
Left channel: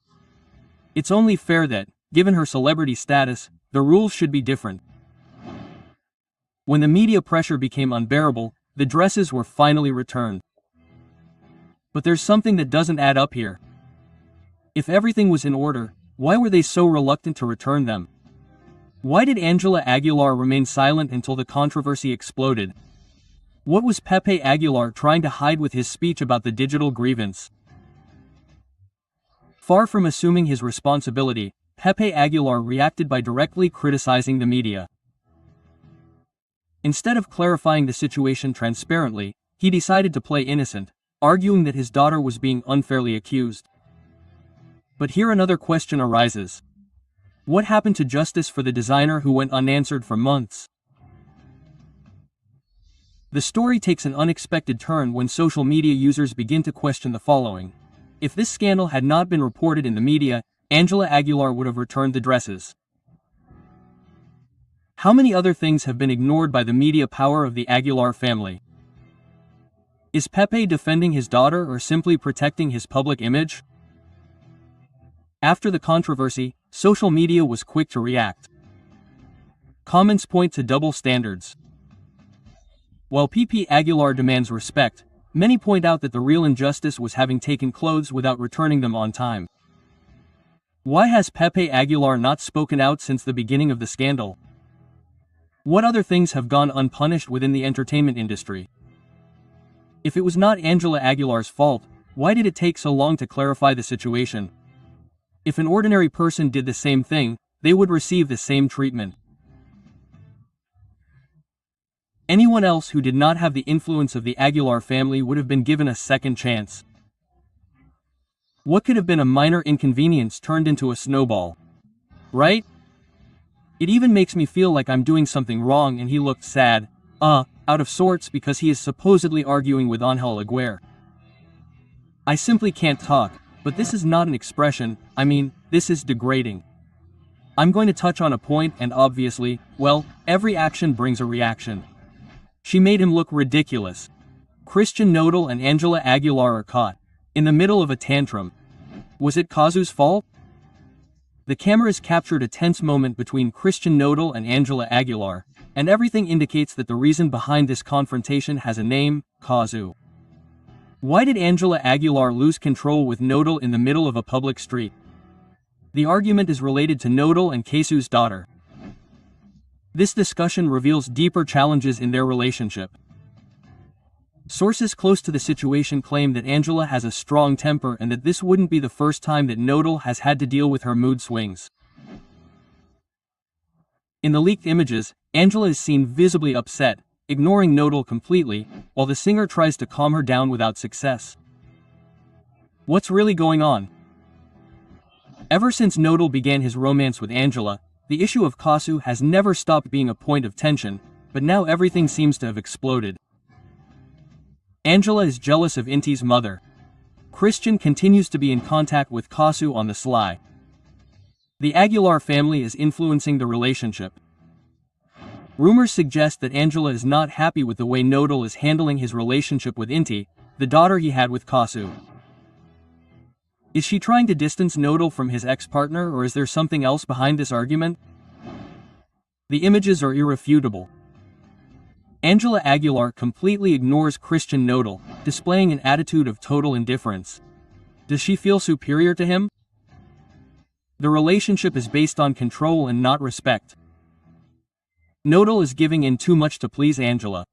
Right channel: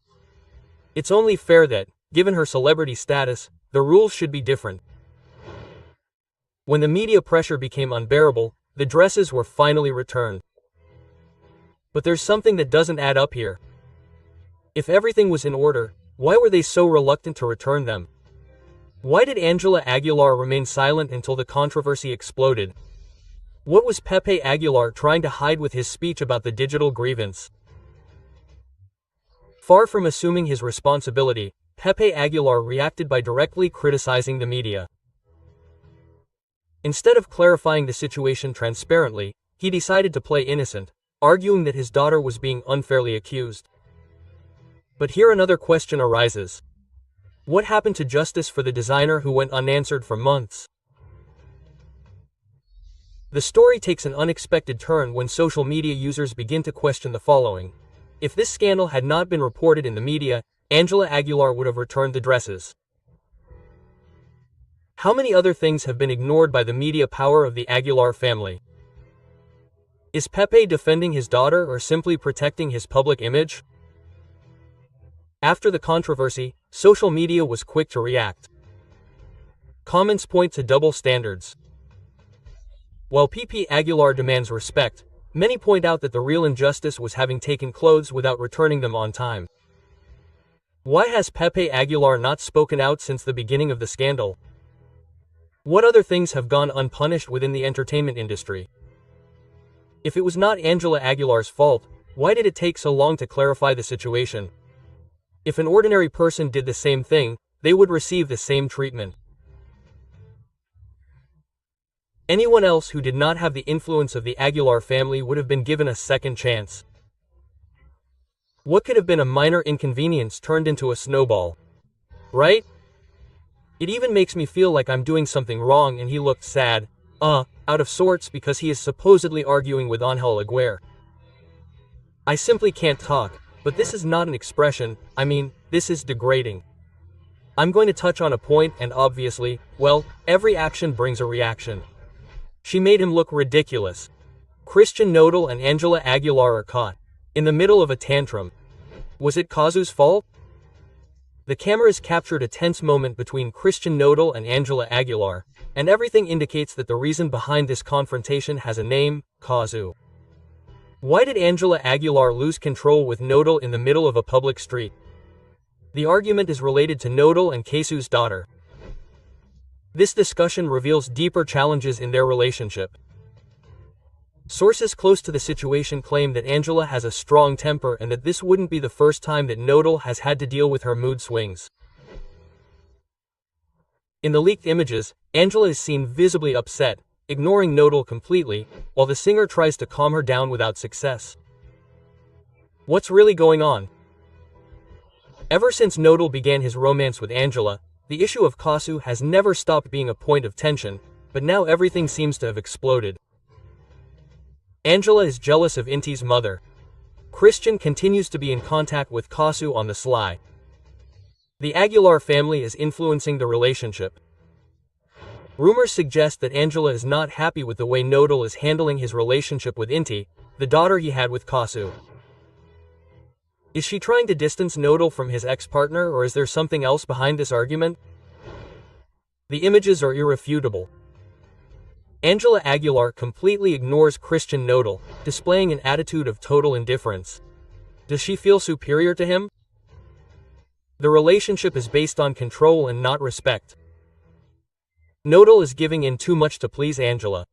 It's only fair that, given her celebrity status, the rules should be different. When the media pressure became unbearable, the dresses were finally returned. But there's something that doesn't add up here. If everything was in order, why were they so reluctant to return them? Why did Ángela Aguilar remain silent until the controversy exploded? What was Pepe Aguilar trying to hide with his speech about the digital grievance? Far from assuming his responsibility, Pepe Aguilar reacted by directly criticizing the media. Instead of clarifying the situation transparently, he decided to play innocent, arguing that his daughter was being unfairly accused. But here another question arises. What happened to justice for the designer who went unanswered for months? The story takes an unexpected turn when social media users begin to question the following. If this scandal had not been reported in the media, Ángela Aguilar would have returned the dresses. How many other things have been ignored by the media power of the Aguilar family? Is Pepe defending his daughter or simply protecting his public image? After the controversy, social media was quick to react. Comments point to double standards. While Pepe Aguilar demands respect, many point out that the real injustice was having taken clothes without returning them on time. Why has Pepe Aguilar not spoken out since the beginning of the scandal? What other things have gone unpunished within the entertainment industry? If it was not Ángela Aguilar's fault, why did it take so long to clarify the situation? If an ordinary person did the same thing, they would receive the same treatment. Anyone else who did not have the influence of the Aguilar family would have been given a second chance. What could have been a minor inconvenience turned into a snowball? Right? It even makes me feel like I'm doing something wrong, and he looked sad, out of sorts, because he is supposedly arguing with Ángela Aguilar. I simply can't talk, but this is not an expression, this is degrading. I'm going to touch on a point, and obviously, well, every action brings a reaction. She made him look ridiculous. Christian Nodal and Ángela Aguilar are caught in the middle of a tantrum. Was it Kazu's fault? The cameras captured a tense moment between Christian Nodal and Ángela Aguilar, and everything indicates that the reason behind this confrontation has a name: Kazu. Why did Ángela Aguilar lose control with Nodal in the middle of a public street? The argument is related to Nodal and Kazu's daughter. This discussion reveals deeper challenges in their relationship. Sources close to the situation claim that Ángela has a strong temper and that this wouldn't be the first time that Nodal has had to deal with her mood swings. In the leaked images, Ángela is seen visibly upset, ignoring Nodal completely, while the singer tries to calm her down without success. What's really going on? Ever since Nodal began his romance with Ángela, the issue of Kazu has never stopped being a point of tension, but now everything seems to have exploded. Ángela is jealous of Inti's mother. Christian continues to be in contact with Kazu on the sly. The Aguilar family is influencing the relationship. Rumors suggest that Ángela is not happy with the way Nodal is handling his relationship with Inti, the daughter he had with Kazu. Is she trying to distance Nodal from his ex-partner, or is there something else behind this argument? The images are irrefutable. Ángela Aguilar completely ignores Christian Nodal, displaying an attitude of total indifference. Does she feel superior to him? The relationship is based on control and not respect. Nodal is giving in too much to please Ángela.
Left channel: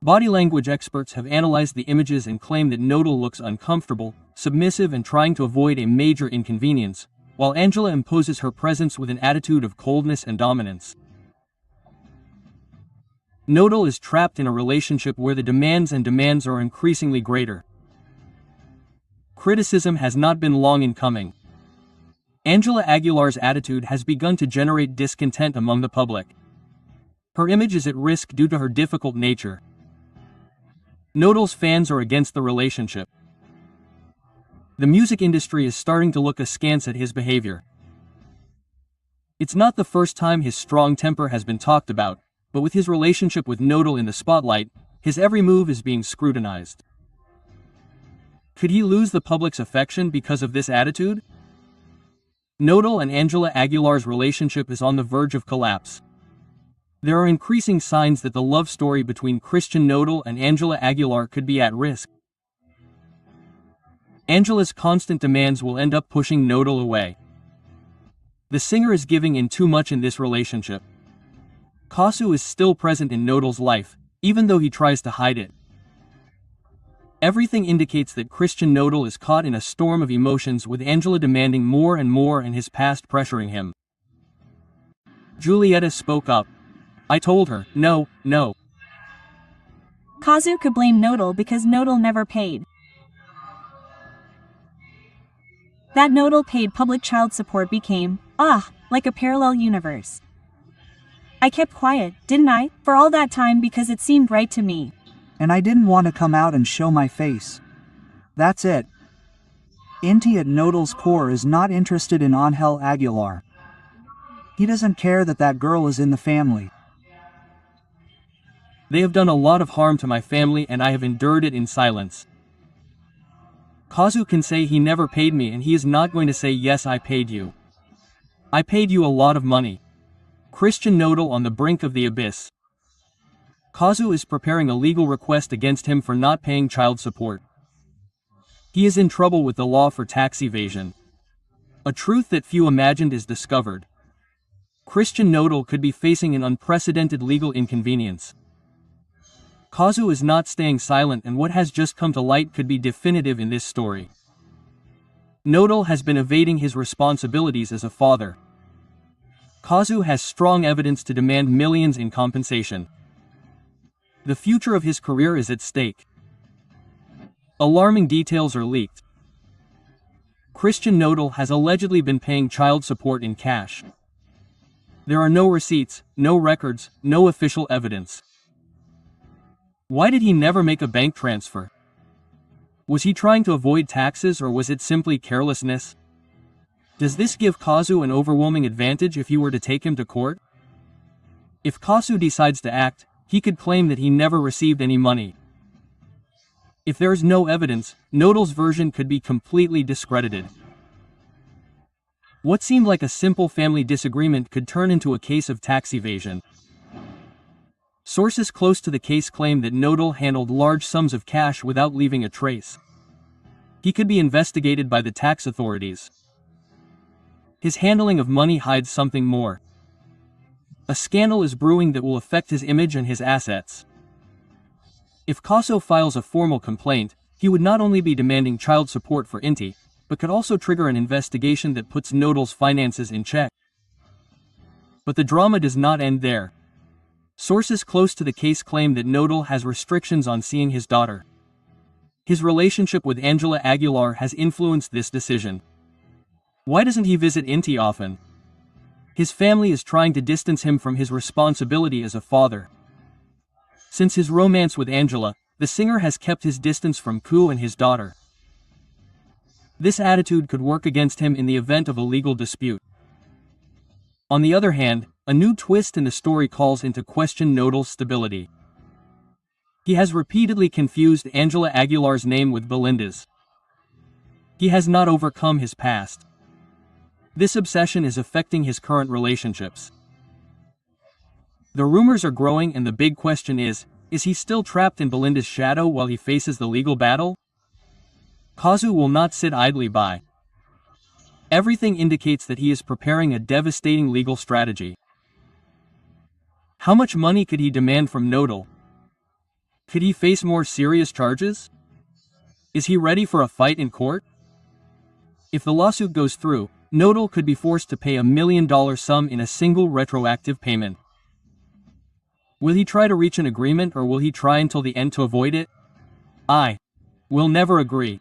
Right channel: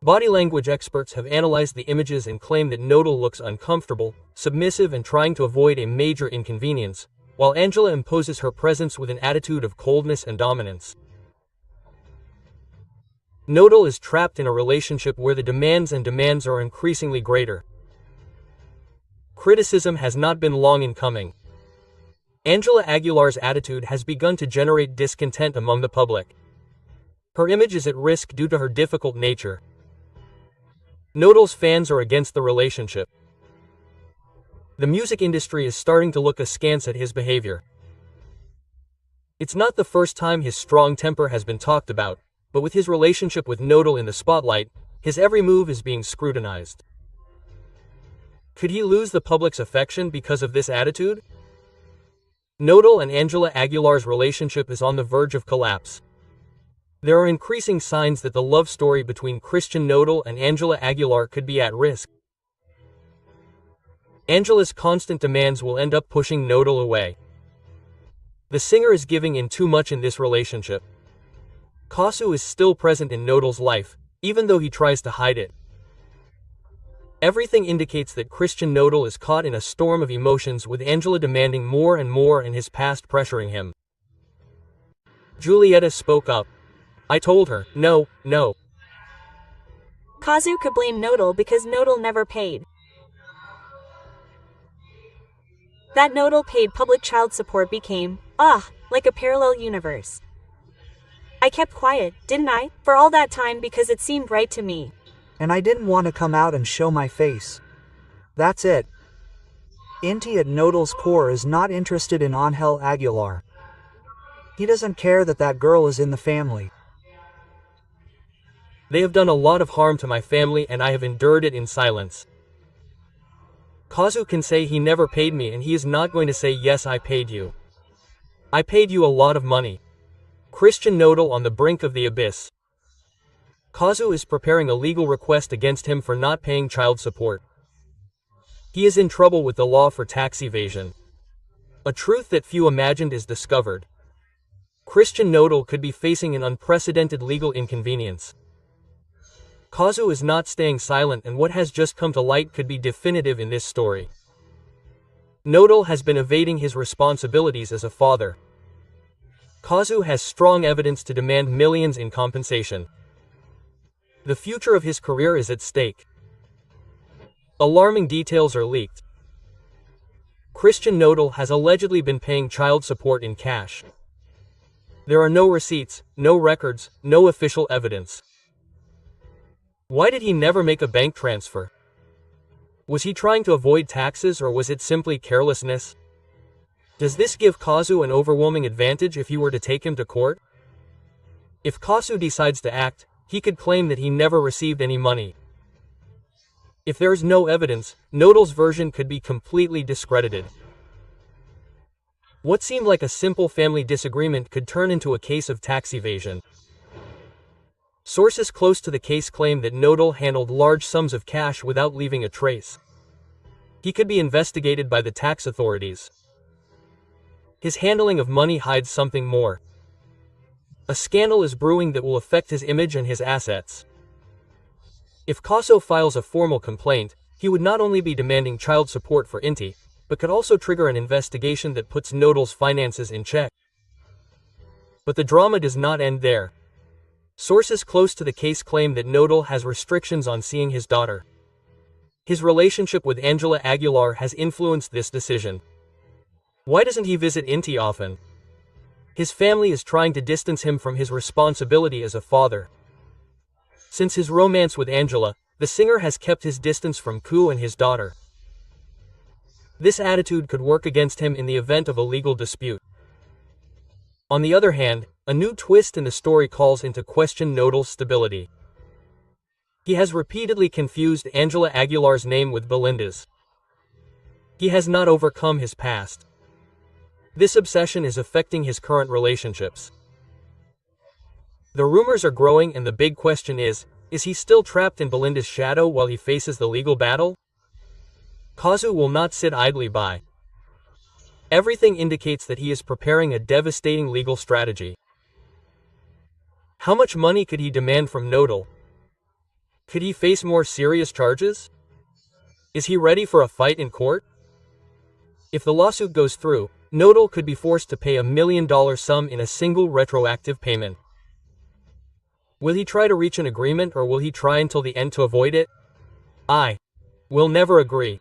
Body language experts have analyzed the images and claim that Nodal looks uncomfortable, submissive, and trying to avoid a major inconvenience, while Ángela imposes her presence with an attitude of coldness and dominance. Nodal is trapped in a relationship where the demands are increasingly greater. Criticism has not been long in coming. Ángela Aguilar's attitude has begun to generate discontent among the public. Her image is at risk due to her difficult nature. Nodal's fans are against the relationship. The music industry is starting to look askance at his behavior. It's not the first time his strong temper has been talked about, but with his relationship with Nodal in the spotlight, his every move is being scrutinized. Could he lose the public's affection because of this attitude? Nodal and Ángela Aguilar's relationship is on the verge of collapse. There are increasing signs that the love story between Christian Nodal and Ángela Aguilar could be at risk. Ángela's constant demands will end up pushing Nodal away. The singer is giving in too much in this relationship. Kasu is still present in Nodal's life, even though he tries to hide it. Everything indicates that Christian Nodal is caught in a storm of emotions, with Ángela demanding more and more and his past pressuring him. Julieta spoke up. I told her, no. Kazu could blame Nodal because Nodal never paid. That Nodal paid public child support became, like a parallel universe. I kept quiet, didn't I, for all that time because it seemed right to me. And I didn't want to come out and show my face. That's it. Inti at Nodal's core is not interested in Ángel Aguilar. He doesn't care that that girl is in the family. They have done a lot of harm to my family and I have endured it in silence. Kazu can say he never paid me and he is not going to say yes I paid you. I paid you a lot of money. Christian Nodal on the brink of the abyss. Kazu is preparing a legal request against him for not paying child support. He is in trouble with the law for tax evasion. A truth that few imagined is discovered. Christian Nodal could be facing an unprecedented legal inconvenience. Kazu is not staying silent and what has just come to light could be definitive in this story. Nodal has been evading his responsibilities as a father. Kazu has strong evidence to demand millions in compensation. The future of his career is at stake. Alarming details are leaked. Christian Nodal has allegedly been paying child support in cash. There are no receipts, no records, no official evidence. Why did he never make a bank transfer? Was he trying to avoid taxes or was it simply carelessness? Does this give Kazu an overwhelming advantage if he were to take him to court? If Kazu decides to act, he could claim that he never received any money. If there is no evidence, Nodal's version could be completely discredited. What seemed like a simple family disagreement could turn into a case of tax evasion. Sources close to the case claim that Nodal handled large sums of cash without leaving a trace. He could be investigated by the tax authorities. His handling of money hides something more. A scandal is brewing that will affect his image and his assets. If Kazu files a formal complaint, he would not only be demanding child support for Inti, but could also trigger an investigation that puts Nodal's finances in check. But the drama does not end there. Sources close to the case claim that Nodal has restrictions on seeing his daughter. His relationship with Ángela Aguilar has influenced this decision. Why doesn't he visit Inti often? His family is trying to distance him from his responsibility as a father. Since his romance with Ángela, the singer has kept his distance from Ku and his daughter. This attitude could work against him in the event of a legal dispute. On the other hand, a new twist in the story calls into question Nodal's stability. He has repeatedly confused Ángela Aguilar's name with Belinda's. He has not overcome his past. This obsession is affecting his current relationships. The rumors are growing and the big question is he still trapped in Belinda's shadow while he faces the legal battle? Kazu will not sit idly by. Everything indicates that he is preparing a devastating legal strategy. How much money could he demand from Nodal? Could he face more serious charges? Is he ready for a fight in court? If the lawsuit goes through, Nodal could be forced to pay $1 million sum in a single retroactive payment. Will he try to reach an agreement or will he try until the end to avoid it? I will never agree.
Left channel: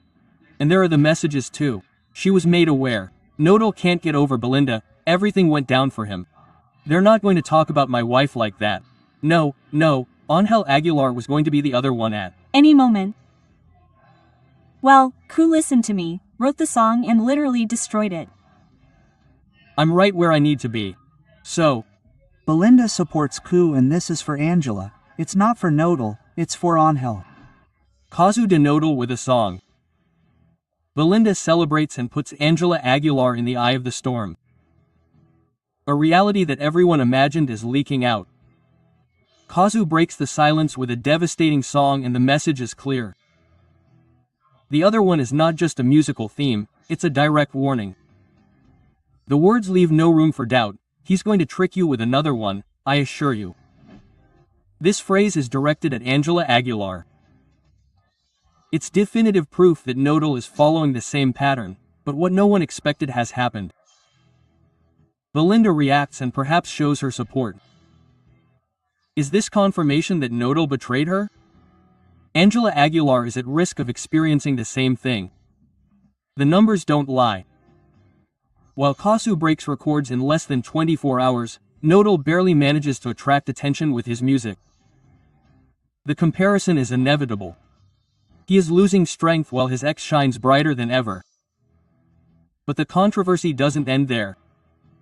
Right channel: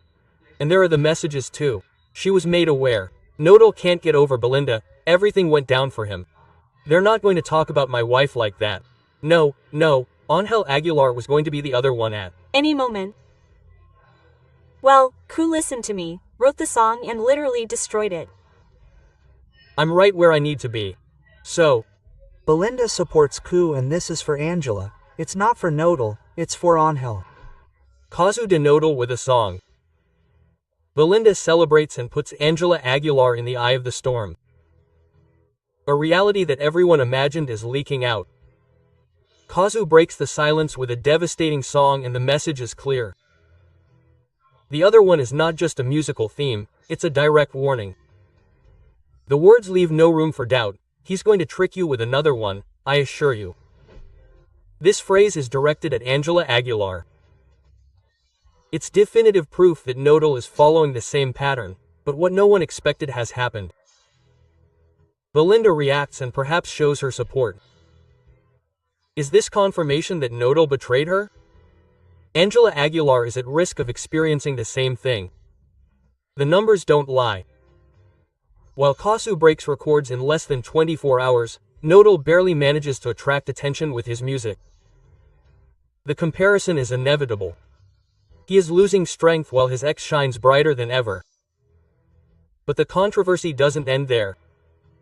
And there are the messages too. She was made aware. Nodal can't get over Belinda, everything went down for him. They're not going to talk about my wife like that. No, Ángel Aguilar was going to be the other one at any moment. Well, Ku listened to me, wrote the song and literally destroyed it. I'm right where I need to be. So, Belinda supports Ku and this is for Angela. It's not for Nodal, it's for Ángel. Casu de Nodal with a song. Belinda celebrates and puts Ángela Aguilar in the eye of the storm. A reality that everyone imagined is leaking out. Casu breaks the silence with a devastating song and the message is clear. The other one is not just a musical theme, it's a direct warning. The words leave no room for doubt. He's going to trick you with another one, I assure you. This phrase is directed at Ángela Aguilar. It's definitive proof that Nodal is following the same pattern, but what no one expected has happened. Belinda reacts and perhaps shows her support. Is this confirmation that Nodal betrayed her? Ángela Aguilar is at risk of experiencing the same thing. The numbers don't lie. While Casu breaks records in less than 24 hours, Nodal barely manages to attract attention with his music. The comparison is inevitable. He is losing strength while his ex shines brighter than ever. But the controversy doesn't end there.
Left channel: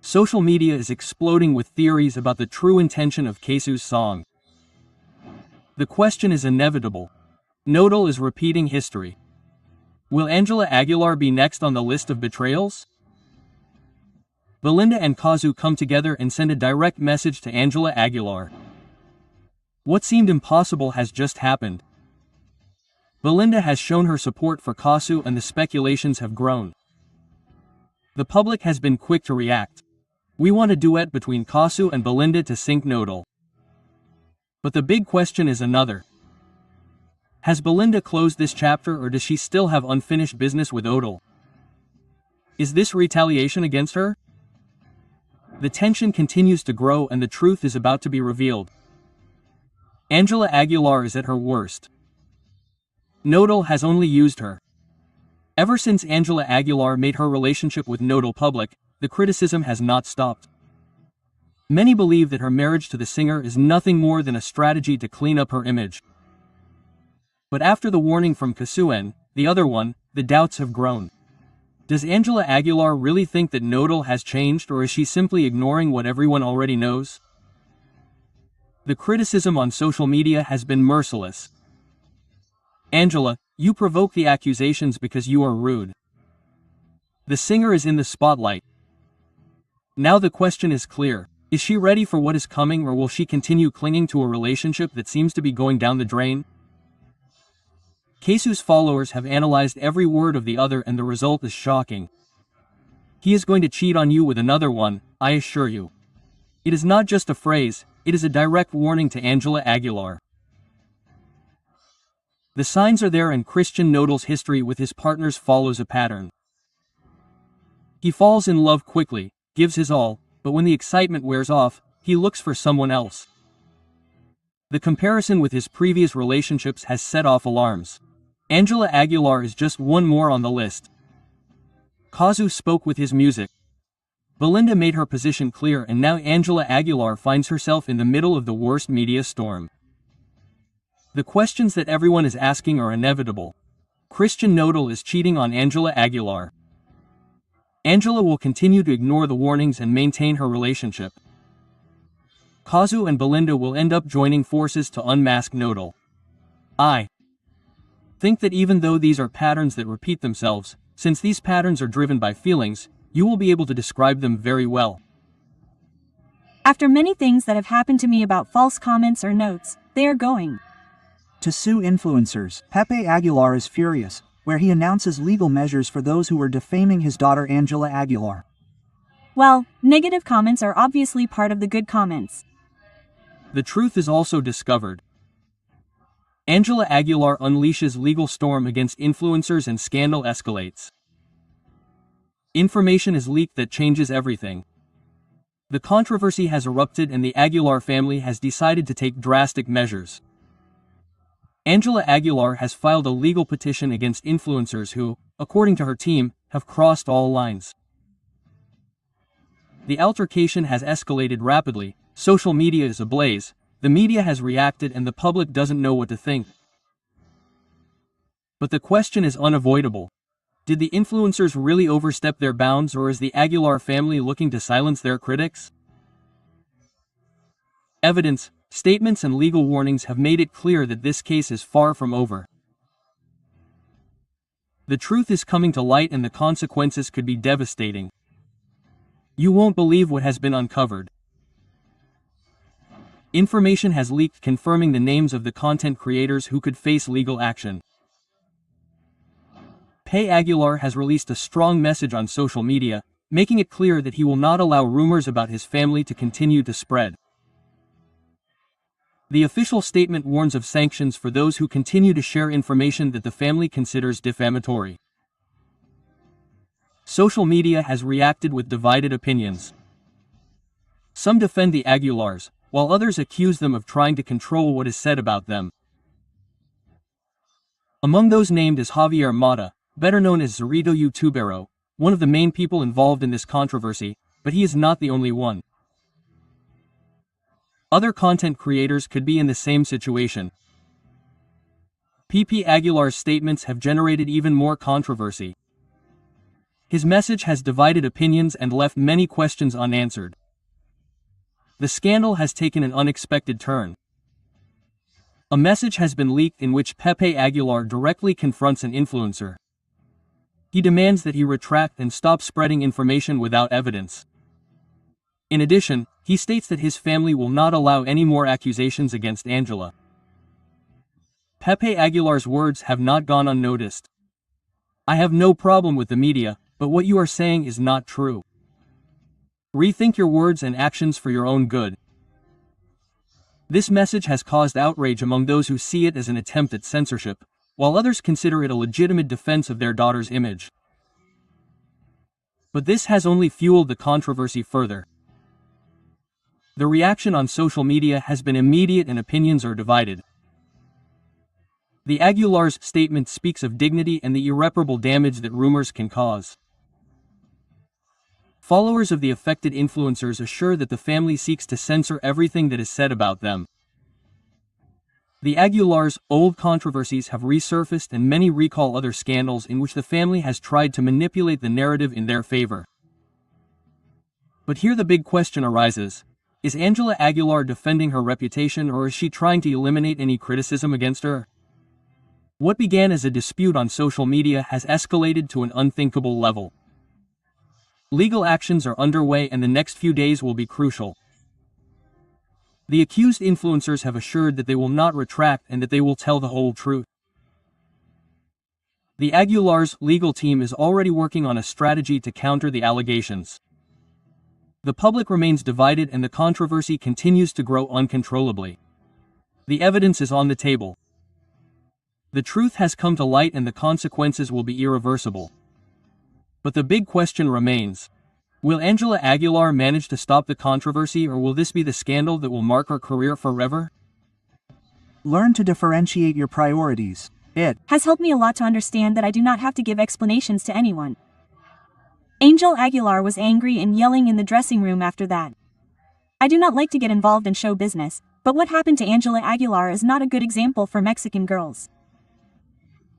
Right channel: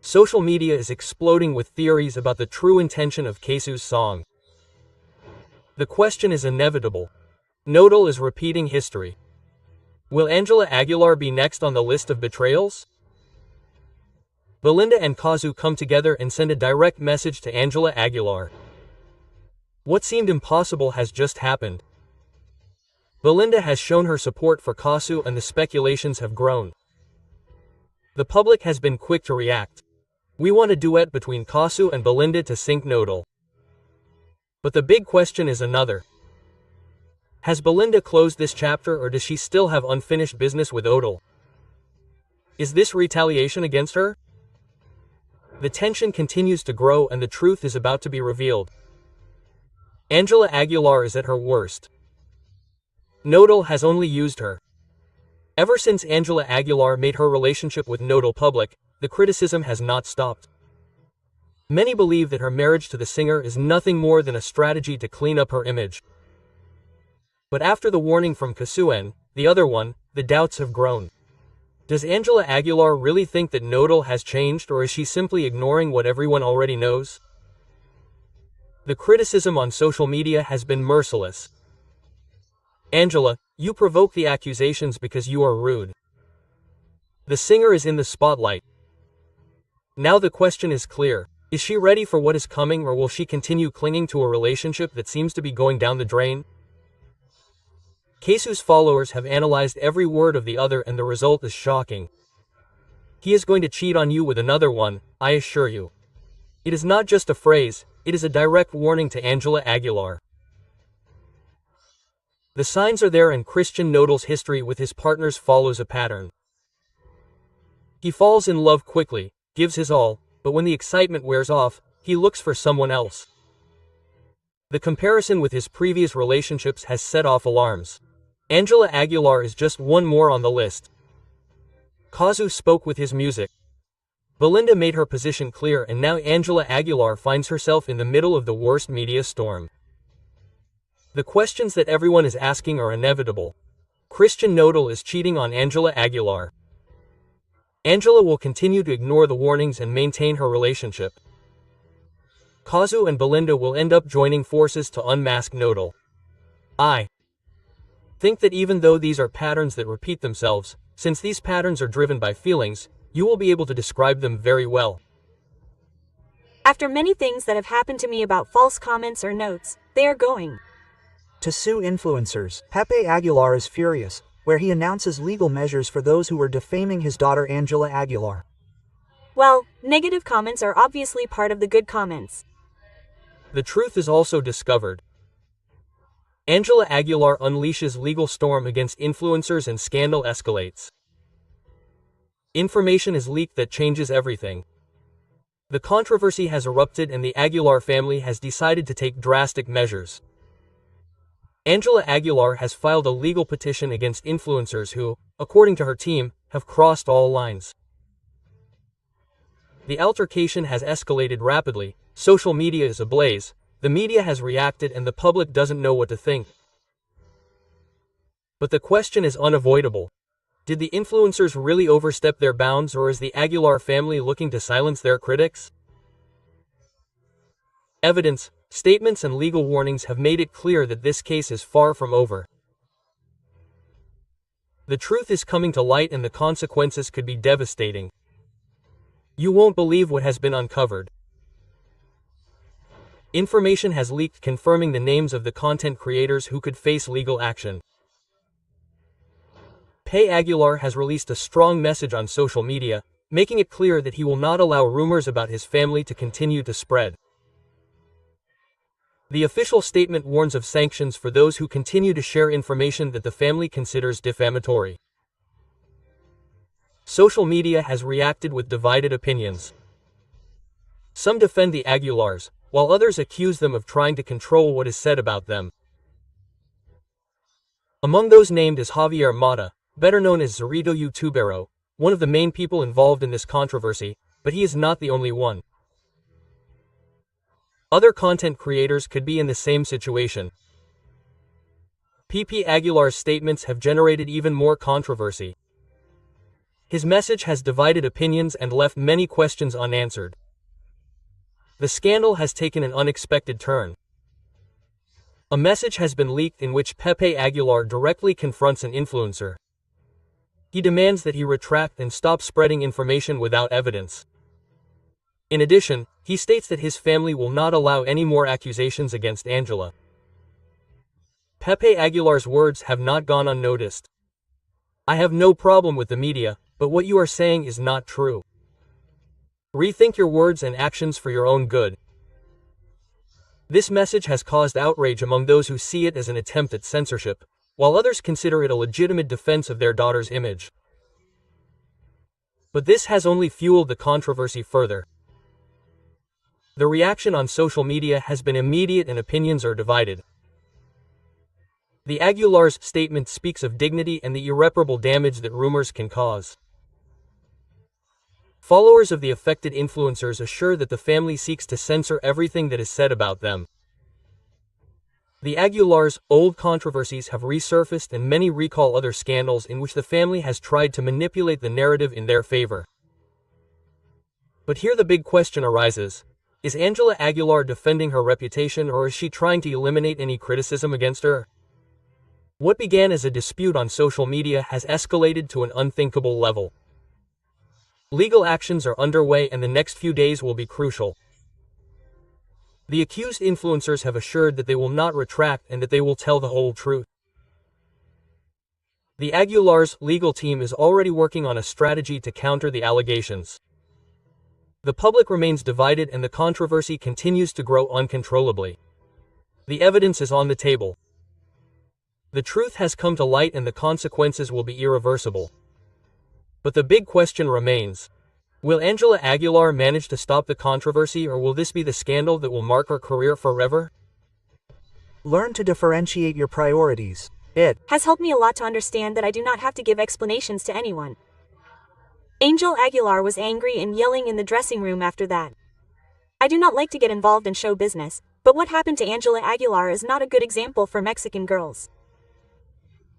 Social media is exploding with theories about the true intention of Casu's song. The question is inevitable. Nodal is repeating history. Will Ángela Aguilar be next on the list of betrayals? Belinda and Casu come together and send a direct message to Ángela Aguilar. What seemed impossible has just happened. Belinda has shown her support for Casu and the speculations have grown. The public has been quick to react. We want a duet between Casu and Belinda to sink Nodal. But the big question is another. Has Belinda closed this chapter or does she still have unfinished business with Nodal? Is this retaliation against her? The tension continues to grow and the truth is about to be revealed. Ángela Aguilar is at her worst. Nodal has only used her. Ever since Ángela Aguilar made her relationship with Nodal public, the criticism has not stopped. Many believe that her marriage to the singer is nothing more than a strategy to clean up her image. But after the warning from Casu, the other one, the doubts have grown. Does Ángela Aguilar really think that Nodal has changed or is she simply ignoring what everyone already knows? The criticism on social media has been merciless. Ángela, you provoke the accusations because you are rude. The singer is in the spotlight. Now the question is clear. Is she ready for what is coming or will she continue clinging to a relationship that seems to be going down the drain? Casu's followers have analyzed every word of the other and the result is shocking. He is going to cheat on you with another one, I assure you. It is not just a phrase, it is a direct warning to Ángela Aguilar. The signs are there and Christian Nodal's history with his partners follows a pattern. He falls in love quickly, gives his all, but when the excitement wears off, he looks for someone else. The comparison with his previous relationships has set off alarms. Ángela Aguilar is just one more on the list. Casu spoke with his music. Belinda made her position clear and now Ángela Aguilar finds herself in the middle of the worst media storm. The questions that everyone is asking are inevitable. Christian Nodal is cheating on Ángela Aguilar. Ángela will continue to ignore the warnings and maintain her relationship. Casu and Belinda will end up joining forces to unmask Nodal. I think that even though these are patterns that repeat themselves, since these patterns are driven by feelings, you will be able to describe them very well. After many things that have happened to me about false comments or notes, they are going to sue influencers. Pepe Aguilar is furious, where he announces legal measures for those who were defaming his daughter Ángela Aguilar. Well, negative comments are obviously part of the good comments. The truth is also discovered. Ángela Aguilar unleashes legal storm against influencers and scandal escalates. Information is leaked that changes everything. The controversy has erupted and the Aguilar family has decided to take drastic measures. Ángela Aguilar has filed a legal petition against influencers who, according to her team, have crossed all lines. The altercation has escalated rapidly, social media is ablaze, the media has reacted and the public doesn't know what to think. But the question is unavoidable. Did the influencers really overstep their bounds or is the Aguilar family looking to silence their critics? Evidence, statements and legal warnings have made it clear that this case is far from over. The truth is coming to light and the consequences could be devastating. You won't believe what has been uncovered. Information has leaked confirming the names of the content creators who could face legal action. Pepe Aguilar has released a strong message on social media, making it clear that he will not allow rumors about his family to continue to spread. The official statement warns of sanctions for those who continue to share information that the family considers defamatory. Social media has reacted with divided opinions. Some defend the Aguilars, while others accuse them of trying to control what is said about them. Among those named is Javier Mata, better known as Zorrito Youtubero, one of the main people involved in this controversy, but he is not the only one. Other content creators could be in the same situation. Pepe Aguilar's statements have generated even more controversy. His message has divided opinions and left many questions unanswered. The scandal has taken an unexpected turn. A message has been leaked in which Pepe Aguilar directly confronts an influencer. He demands that he retract and stop spreading information without evidence. In addition, he states that his family will not allow any more accusations against Ángela. Pepe Aguilar's words have not gone unnoticed. "I have no problem with the media, but what you are saying is not true. Rethink your words and actions for your own good." This message has caused outrage among those who see it as an attempt at censorship, while others consider it a legitimate defense of their daughter's image. But this has only fueled the controversy further. The reaction on social media has been immediate and opinions are divided. The Aguilar's statement speaks of dignity and the irreparable damage that rumors can cause. Followers of the affected influencers assure that the family seeks to censor everything that is said about them. The Aguilar's old controversies have resurfaced and many recall other scandals in which the family has tried to manipulate the narrative in their favor. But here the big question arises: is Ángela Aguilar defending her reputation or is she trying to eliminate any criticism against her? What began as a dispute on social media has escalated to an unthinkable level. Legal actions are underway and the next few days will be crucial. The accused influencers have assured that they will not retract and that they will tell the whole truth. The Aguilar's legal team is already working on a strategy to counter the allegations. The public remains divided and the controversy continues to grow uncontrollably. The evidence is on the table. The truth has come to light and the consequences will be irreversible. But the big question remains: will Ángela Aguilar manage to stop the controversy or will this be the scandal that will mark her career forever? Learn to differentiate your priorities. It has helped me a lot to understand that I do not have to give explanations to anyone. Ángela Aguilar was angry and yelling in the dressing room after that. I do not like to get involved in show business, but what happened to Ángela Aguilar is not a good example for Mexican girls.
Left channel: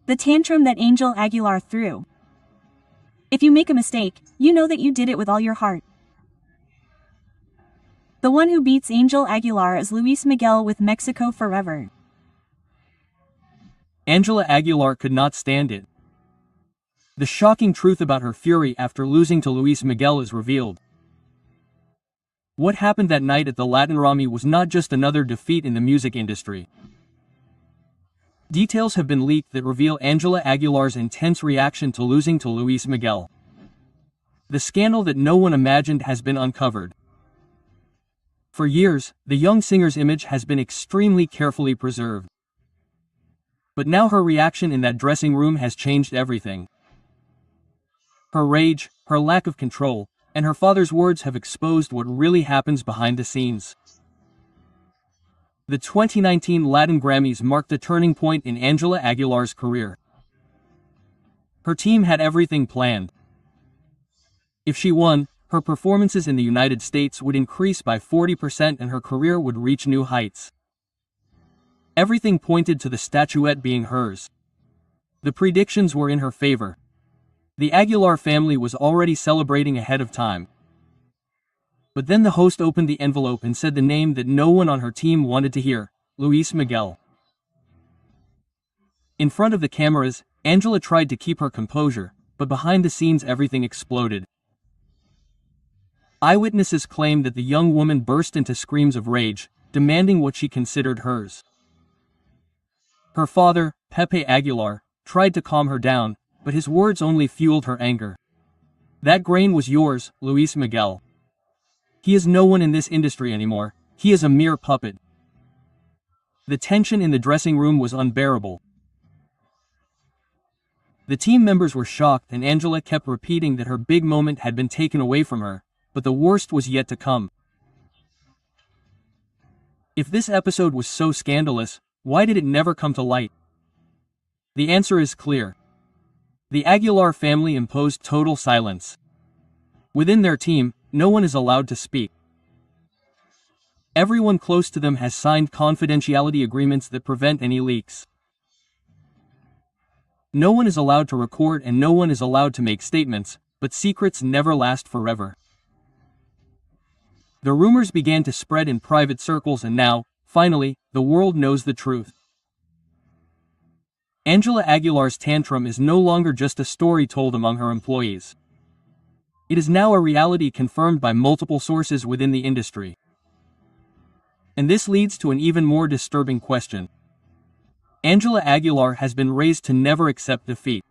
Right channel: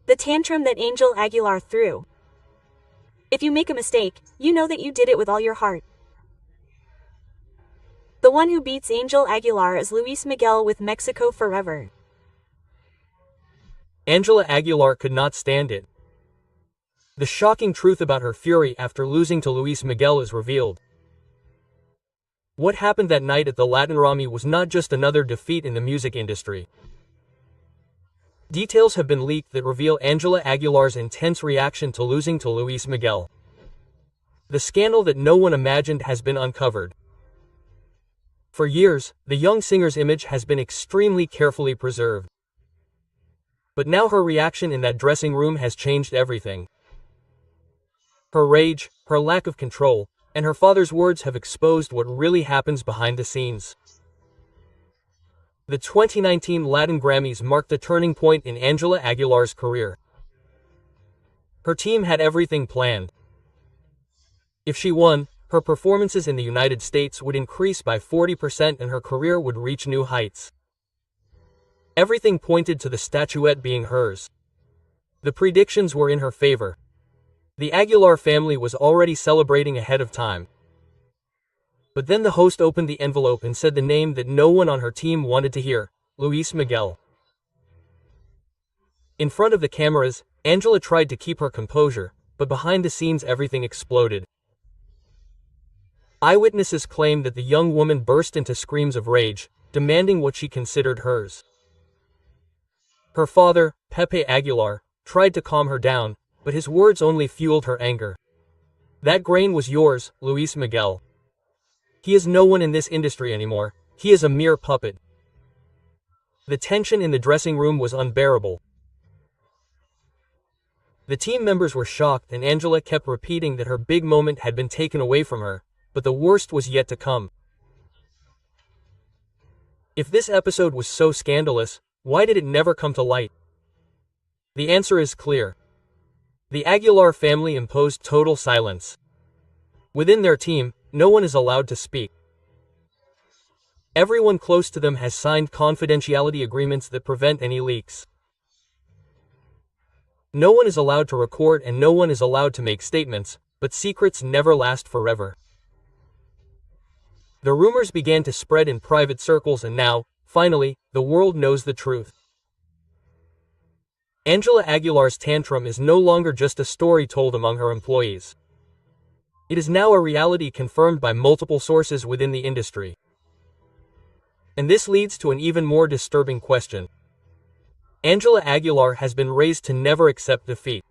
The tantrum that Ángela Aguilar threw. If you make a mistake, you know that you did it with all your heart. The one who beats Ángela Aguilar is Luis Miguel with Mexico Forever. Ángela Aguilar could not stand it. The shocking truth about her fury after losing to Luis Miguel is revealed. What happened that night at the Latin Grammy was not just another defeat in the music industry. Details have been leaked that reveal Ángela Aguilar's intense reaction to losing to Luis Miguel. The scandal that no one imagined has been uncovered. For years, the young singer's image has been extremely carefully preserved. But now her reaction in that dressing room has changed everything. Her rage, her lack of control, and her father's words have exposed what really happens behind the scenes. The 2019 Latin Grammys marked a turning point in Ángela Aguilar's career. Her team had everything planned. If she won, her performances in the United States would increase by 40% and her career would reach new heights. Everything pointed to the statuette being hers. The predictions were in her favor. The Aguilar family was already celebrating ahead of time. But then the host opened the envelope and said the name that no one on her team wanted to hear, Luis Miguel. In front of the cameras, Angela tried to keep her composure, but behind the scenes everything exploded. Eyewitnesses claimed that the young woman burst into screams of rage, demanding what she considered hers. Her father, Pepe Aguilar, tried to calm her down, but his words only fueled her anger. That grain was yours, Luis Miguel. He is no one in this industry anymore, he is a mere puppet. The tension in the dressing room was unbearable. The team members were shocked and Angela kept repeating that her big moment had been taken away from her, but the worst was yet to come. If this episode was so scandalous, why did it never come to light? The answer is clear. The Aguilar family imposed total silence. Within their team, no one is allowed to speak. Everyone close to them has signed confidentiality agreements that prevent any leaks. No one is allowed to record and no one is allowed to make statements, but secrets never last forever. The rumors began to spread in private circles and now, finally, the world knows the truth. Angela Aguilar's tantrum is no longer just a story told among her employees. It is now a reality confirmed by multiple sources within the industry. And this leads to an even more disturbing question. Angela Aguilar has been raised to never accept defeat.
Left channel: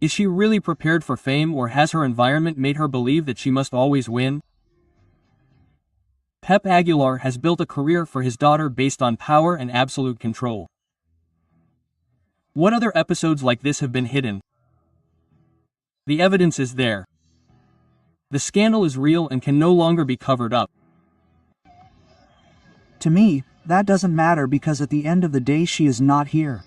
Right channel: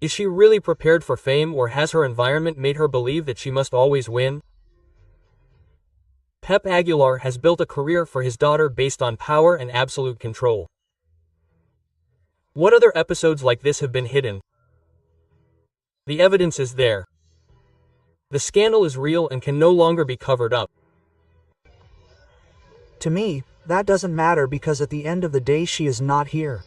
Is she really prepared for fame or has her environment made her believe that she must always win? Pep Aguilar has built a career for his daughter based on power and absolute control. What other episodes like this have been hidden? The evidence is there. The scandal is real and can no longer be covered up. To me, that doesn't matter because at the end of the day she is not here.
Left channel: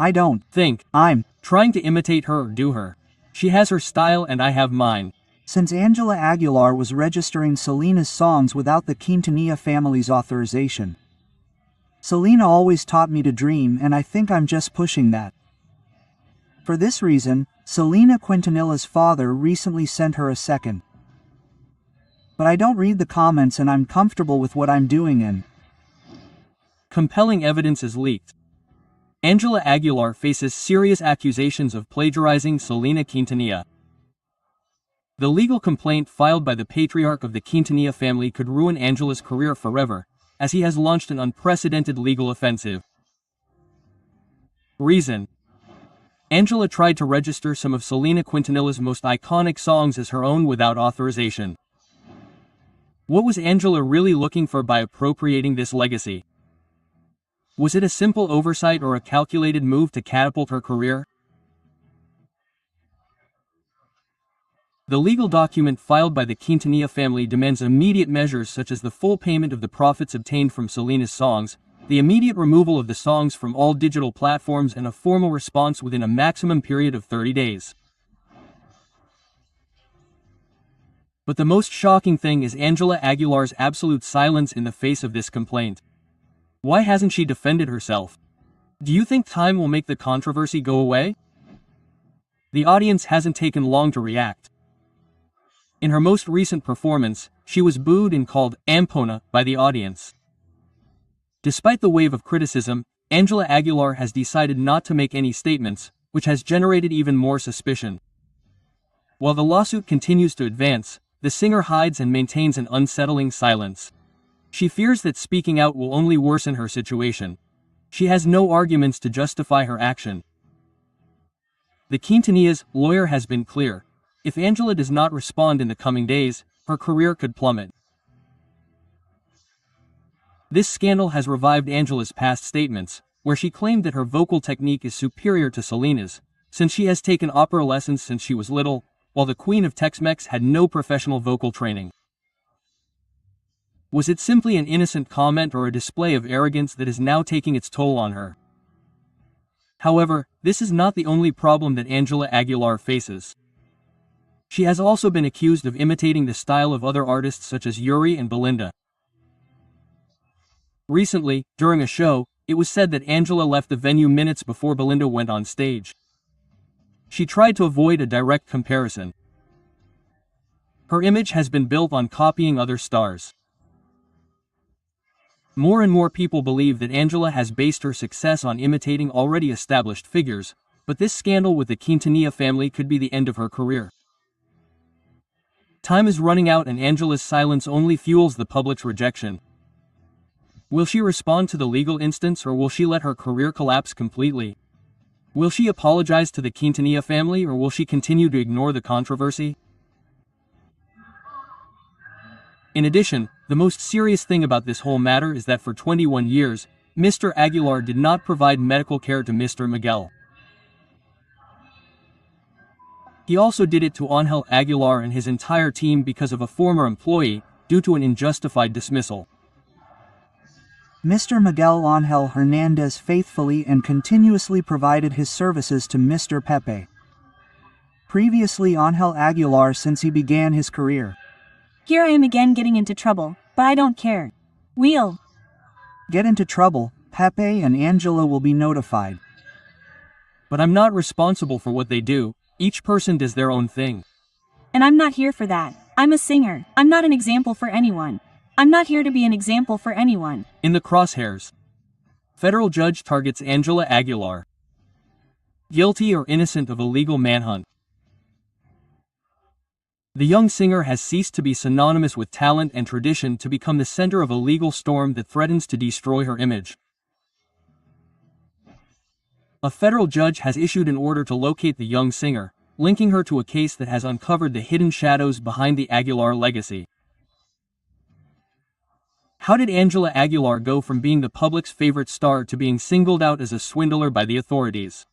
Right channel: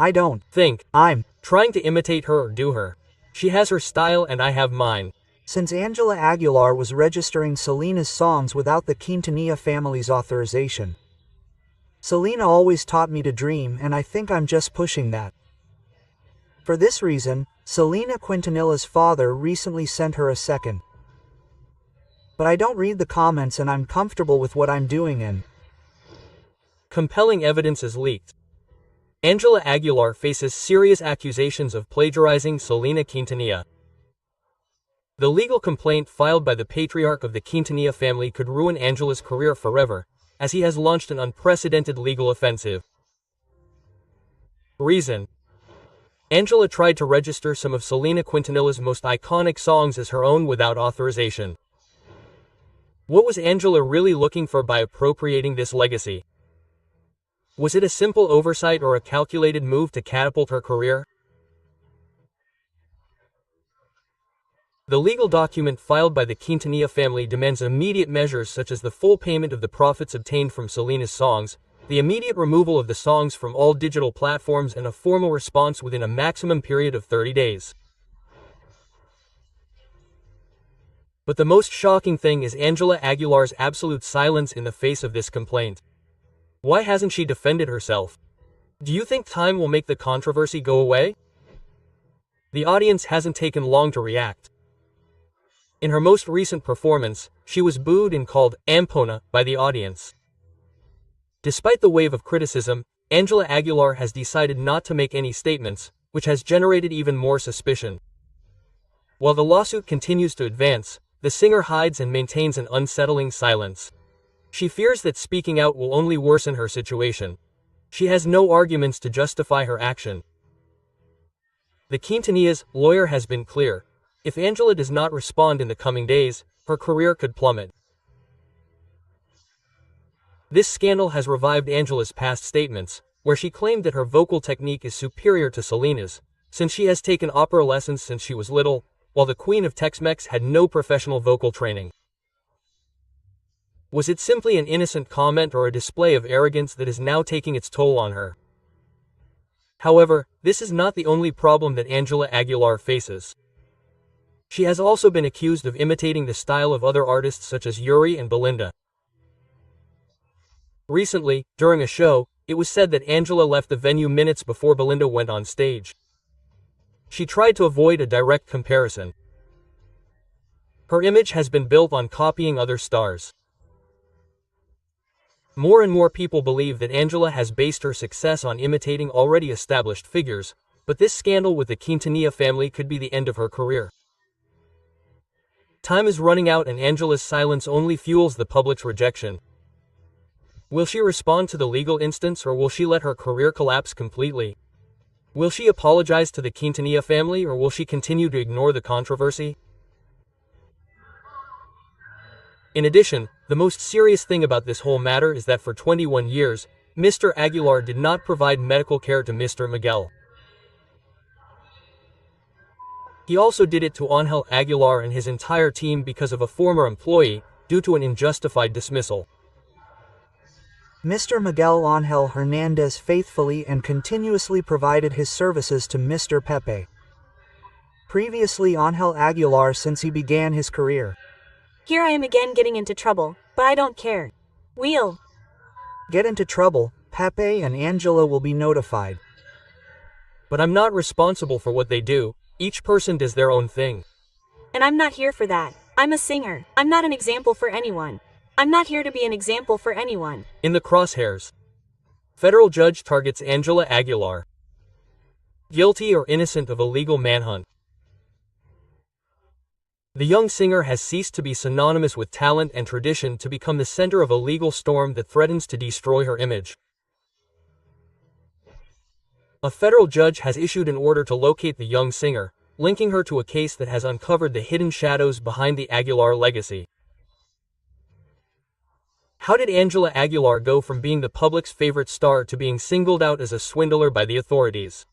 I don't think I'm trying to imitate her or do her. She has her style and I have mine. Since Angela Aguilar was registering Selena's songs without the Quintanilla family's authorization. Selena always taught me to dream and I think I'm just pushing that. For this reason, Selena Quintanilla's father recently sent her a second. But I don't read the comments and I'm comfortable with what I'm doing and compelling evidence is leaked. Angela Aguilar faces serious accusations of plagiarizing Selena Quintanilla. The legal complaint filed by the patriarch of the Quintanilla family could ruin Angela's career forever, as he has launched an unprecedented legal offensive. Reason: Angela tried to register some of Selena Quintanilla's most iconic songs as her own without authorization. What was Angela really looking for by appropriating this legacy? Was it a simple oversight or a calculated move to catapult her career? The legal document filed by the Quintanilla family demands immediate measures such as the full payment of the profits obtained from Selena's songs, the immediate removal of the songs from all digital platforms and a formal response within a maximum period of 30 days. But the most shocking thing is Angela Aguilar's absolute silence in the face of this complaint. Why hasn't she defended herself? Do you think time will make the controversy go away? The audience hasn't taken long to react. In her most recent performance, she was booed and called Ampona by the audience. Despite the wave of criticism, Angela Aguilar has decided not to make any statements, which has generated even more suspicion. While the lawsuit continues to advance, the singer hides and maintains an unsettling silence. She fears that speaking out will only worsen her situation. She has no arguments to justify her action. The Quintanilla's lawyer has been clear. If Angela does not respond in the coming days, her career could plummet. This scandal has revived Angela's past statements, where she claimed that her vocal technique is superior to Selena's, since she has taken opera lessons since she was little, while the Queen of Tex-Mex had no professional vocal training. Was it simply an innocent comment or a display of arrogance that is now taking its toll on her? However, this is not the only problem that Angela Aguilar faces. She has also been accused of imitating the style of other artists such as Yuri and Belinda. Recently, during a show, it was said that Angela left the venue minutes before Belinda went on stage. She tried to avoid a direct comparison. Her image has been built on copying other stars. More and more people believe that Ángela has based her success on imitating already established figures, but this scandal with the Quintanilla family could be the end of her career. Time is running out and Ángela's silence only fuels the public's rejection. Will she respond to the legal instance or will she let her career collapse completely? Will she apologize to the Quintanilla family or will she continue to ignore the controversy? In addition, the most serious thing about this whole matter is that for 21 years, Mr. Aguilar did not provide medical care to Mr. Miguel. He also did it to Ángel Aguilar and his entire team because of a former employee, due to an unjustified dismissal. Mr. Miguel Ángel Hernandez faithfully and continuously provided his services to Mr. Pepe. Previously Ángel Aguilar since he began his career. Here I am again getting into trouble, but I don't care. We'll get into trouble, Pepe and Ángela will be notified. But I'm not responsible for what they do, each person does their own thing. And I'm not here for that. I'm a singer. I'm not an example for anyone. I'm not here to be an example for anyone. In the crosshairs. Federal judge targets Ángela Aguilar. Guilty or innocent of illegal manhunt. The young singer has ceased to be synonymous with talent and tradition to become the center of a legal storm that threatens to destroy her image. A federal judge has issued an order to locate the young singer, linking her to a case that has uncovered the hidden shadows behind the Aguilar legacy. How did Ángela Aguilar go from being the public's favorite star to being singled out as a swindler by the authorities?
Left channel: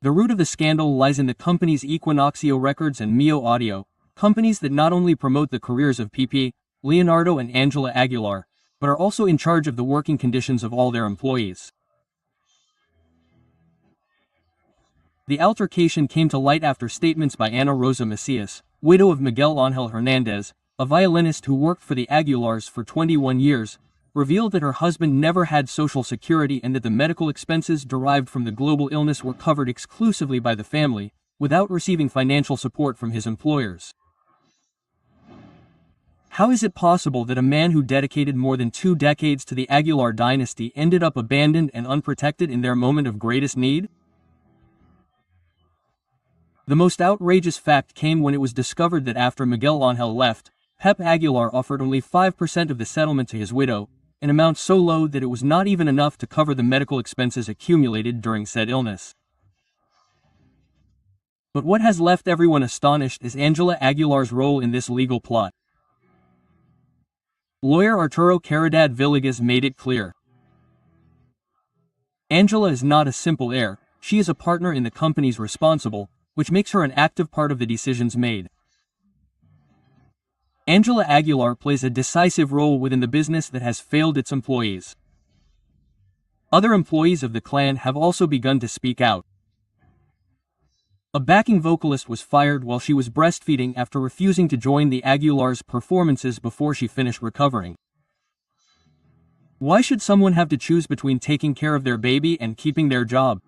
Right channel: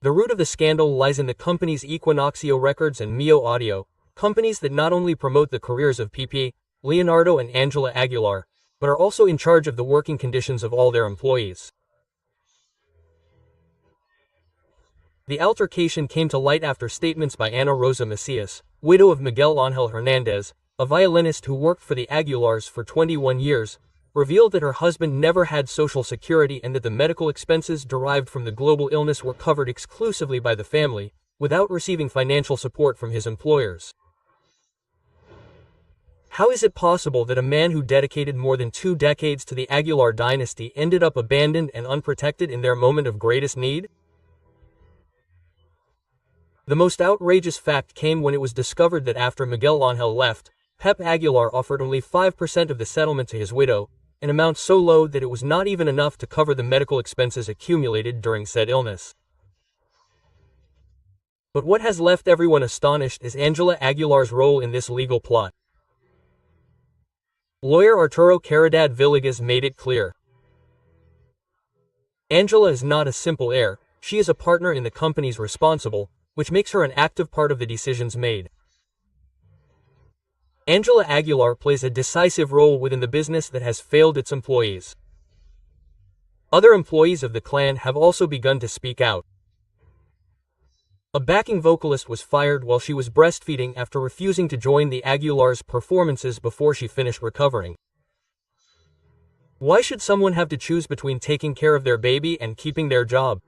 The root of the scandal lies in the companies Equinoxio Records and Mio Audio, companies that not only promote the careers of Pepe, Leonardo and Ángela Aguilar, but are also in charge of the working conditions of all their employees. The altercation came to light after statements by Ana Rosa Macias, widow of Miguel Ángel Hernandez, a violinist who worked for the Aguilars for 21 years, revealed that her husband never had Social Security and that the medical expenses derived from the global illness were covered exclusively by the family, without receiving financial support from his employers. How is it possible that a man who dedicated more than 2 decades to the Aguilar dynasty ended up abandoned and unprotected in their moment of greatest need? The most outrageous fact came when it was discovered that after Miguel Ángel left, Pep Aguilar offered only 5% of the settlement to his widow, an amount so low that it was not even enough to cover the medical expenses accumulated during said illness. But what has left everyone astonished is Ángela Aguilar's role in this legal plot. Lawyer Arturo Caridad Villegas made it clear. Ángela is not a simple heir, she is a partner in the companies responsible, which makes her an active part of the decisions made. Ángela Aguilar plays a decisive role within the business that has failed its employees. Other employees of the clan have also begun to speak out. A backing vocalist was fired while she was breastfeeding after refusing to join the Aguilars' performances before she finished recovering. Why should someone have to choose between taking care of their baby and keeping their job?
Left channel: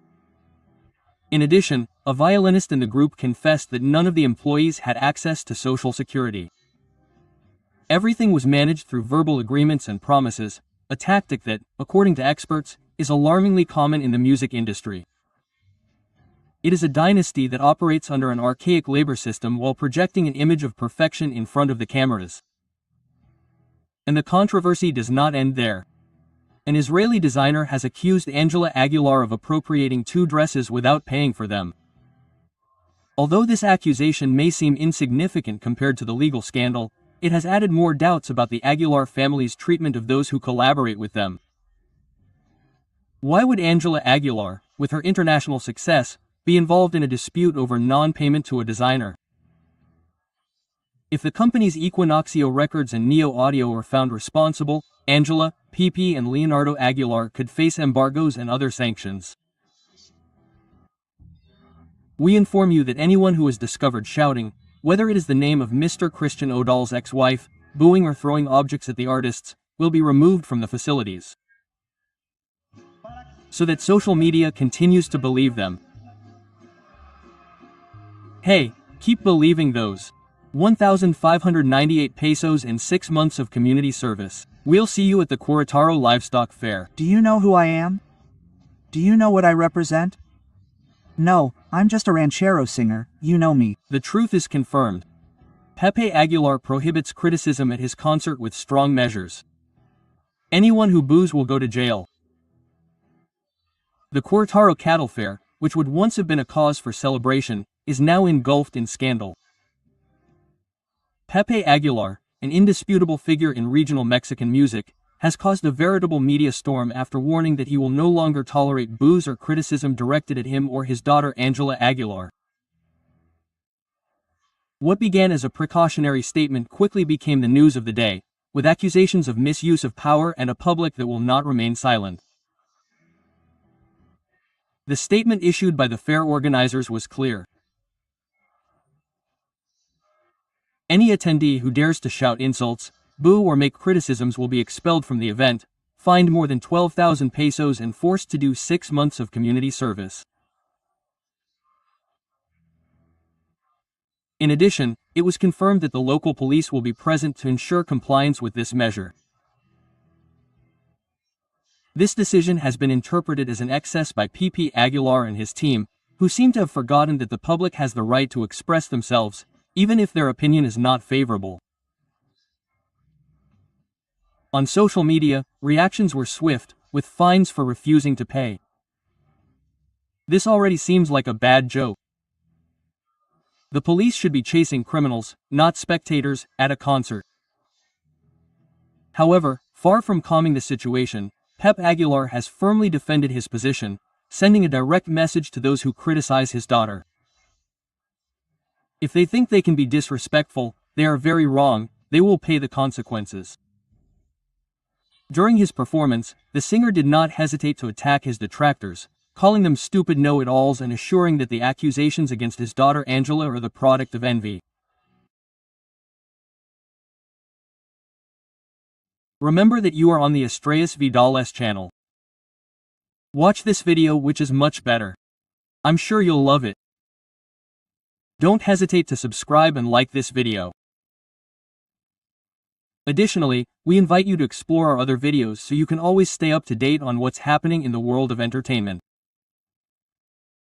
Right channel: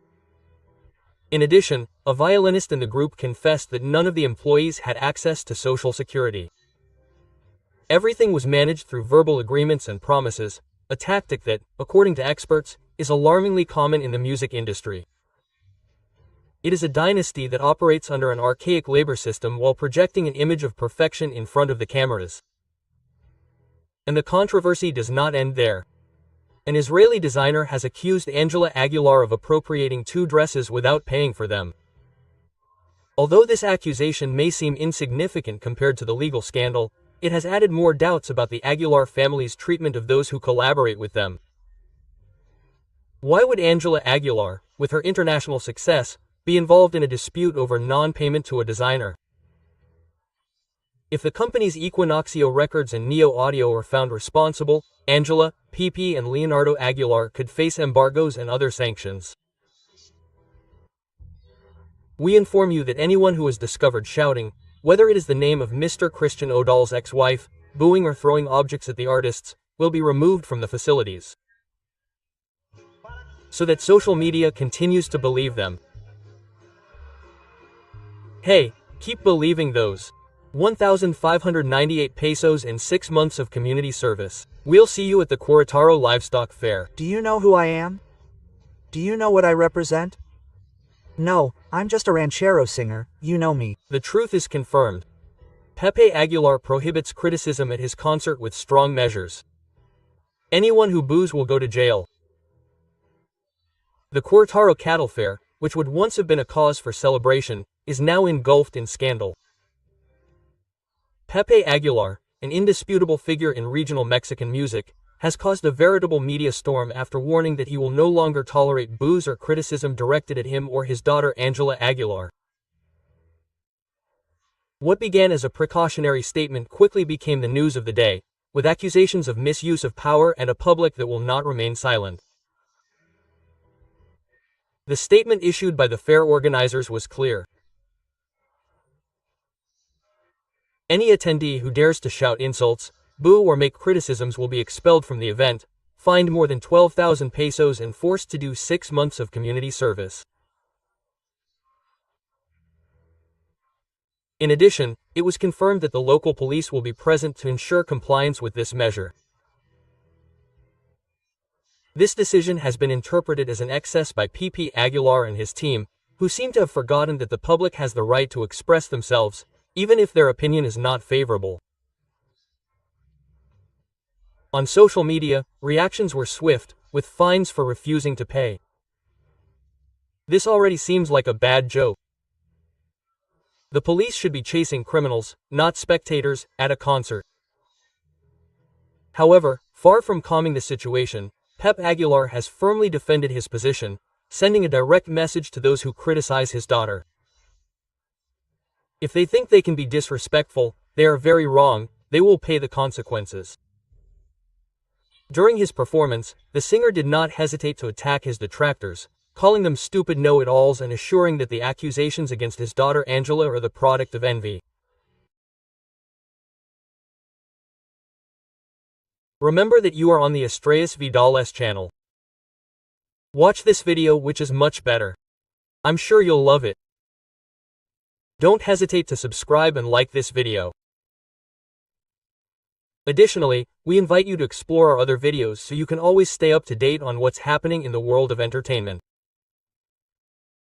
In addition, a violinist in the group confessed that none of the employees had access to Social Security. Everything was managed through verbal agreements and promises, a tactic that, according to experts, is alarmingly common in the music industry. It is a dynasty that operates under an archaic labor system while projecting an image of perfection in front of the cameras. And the controversy does not end there. An Israeli designer has accused Ángela Aguilar of appropriating 2 dresses without paying for them. Although this accusation may seem insignificant compared to the legal scandal, it has added more doubts about the Aguilar family's treatment of those who collaborate with them. Why would Ángela Aguilar, with her international success, be involved in a dispute over non-payment to a designer? If the companies Equinoxio Records and Neo Audio are found responsible, Ángela, Pepe and Leonardo Aguilar could face embargoes and other sanctions. We inform you that anyone who is discovered shouting, whether it is the name of Mr. Christian Odal's ex-wife, booing or throwing objects at the artists, will be removed from the facilities. So that social media continues to believe them. Hey, Keep believing those 1,598 pesos in 6 months of community service. We'll see you at the Querétaro Livestock Fair. Do you know who I am? Do you know what I represent? No, I'm just a ranchero singer, you know me. The truth is confirmed. Pepe Aguilar prohibits criticism at his concert with strong measures. Anyone who boos will go to jail. The Querétaro Cattle Fair, which would once have been a cause for celebration, is now engulfed in scandal. Pepe Aguilar, an indisputable figure in regional Mexican music, has caused a veritable media storm after warning that he will no longer tolerate boos or criticism directed at him or his daughter Ángela Aguilar. What began as a precautionary statement quickly became the news of the day, with accusations of misuse of power and a public that will not remain silent. The statement issued by the fair organizers was clear. Any attendee who dares to shout insults, boo or make criticisms will be expelled from the event, fined more than 12,000 pesos and forced to do 6 months of community service. In addition, it was confirmed that the local police will be present to ensure compliance with this measure. This decision has been interpreted as an excess by Pepe Aguilar and his team, who seem to have forgotten that the public has the right to express themselves, even if their opinion is not favorable. On social media, reactions were swift, with fines for refusing to pay. This already seems like a bad joke. The police should be chasing criminals, not spectators, at a concert. However, far from calming the situation, Pep Aguilar has firmly defended his position, sending a direct message to those who criticize his daughter. If they think they can be disrespectful, they are very wrong, they will pay the consequences. During his performance, the singer did not hesitate to attack his detractors, calling them stupid know-it-alls and assuring that the accusations against his daughter Ángela are the product of envy. Remember that you are on the Estrellas Vidales channel. Watch this video, which is much better. I'm sure you'll love it. Don't hesitate to subscribe and like this video. Additionally, we invite you to explore our other videos so you can always stay up to date on what's happening in the world of entertainment.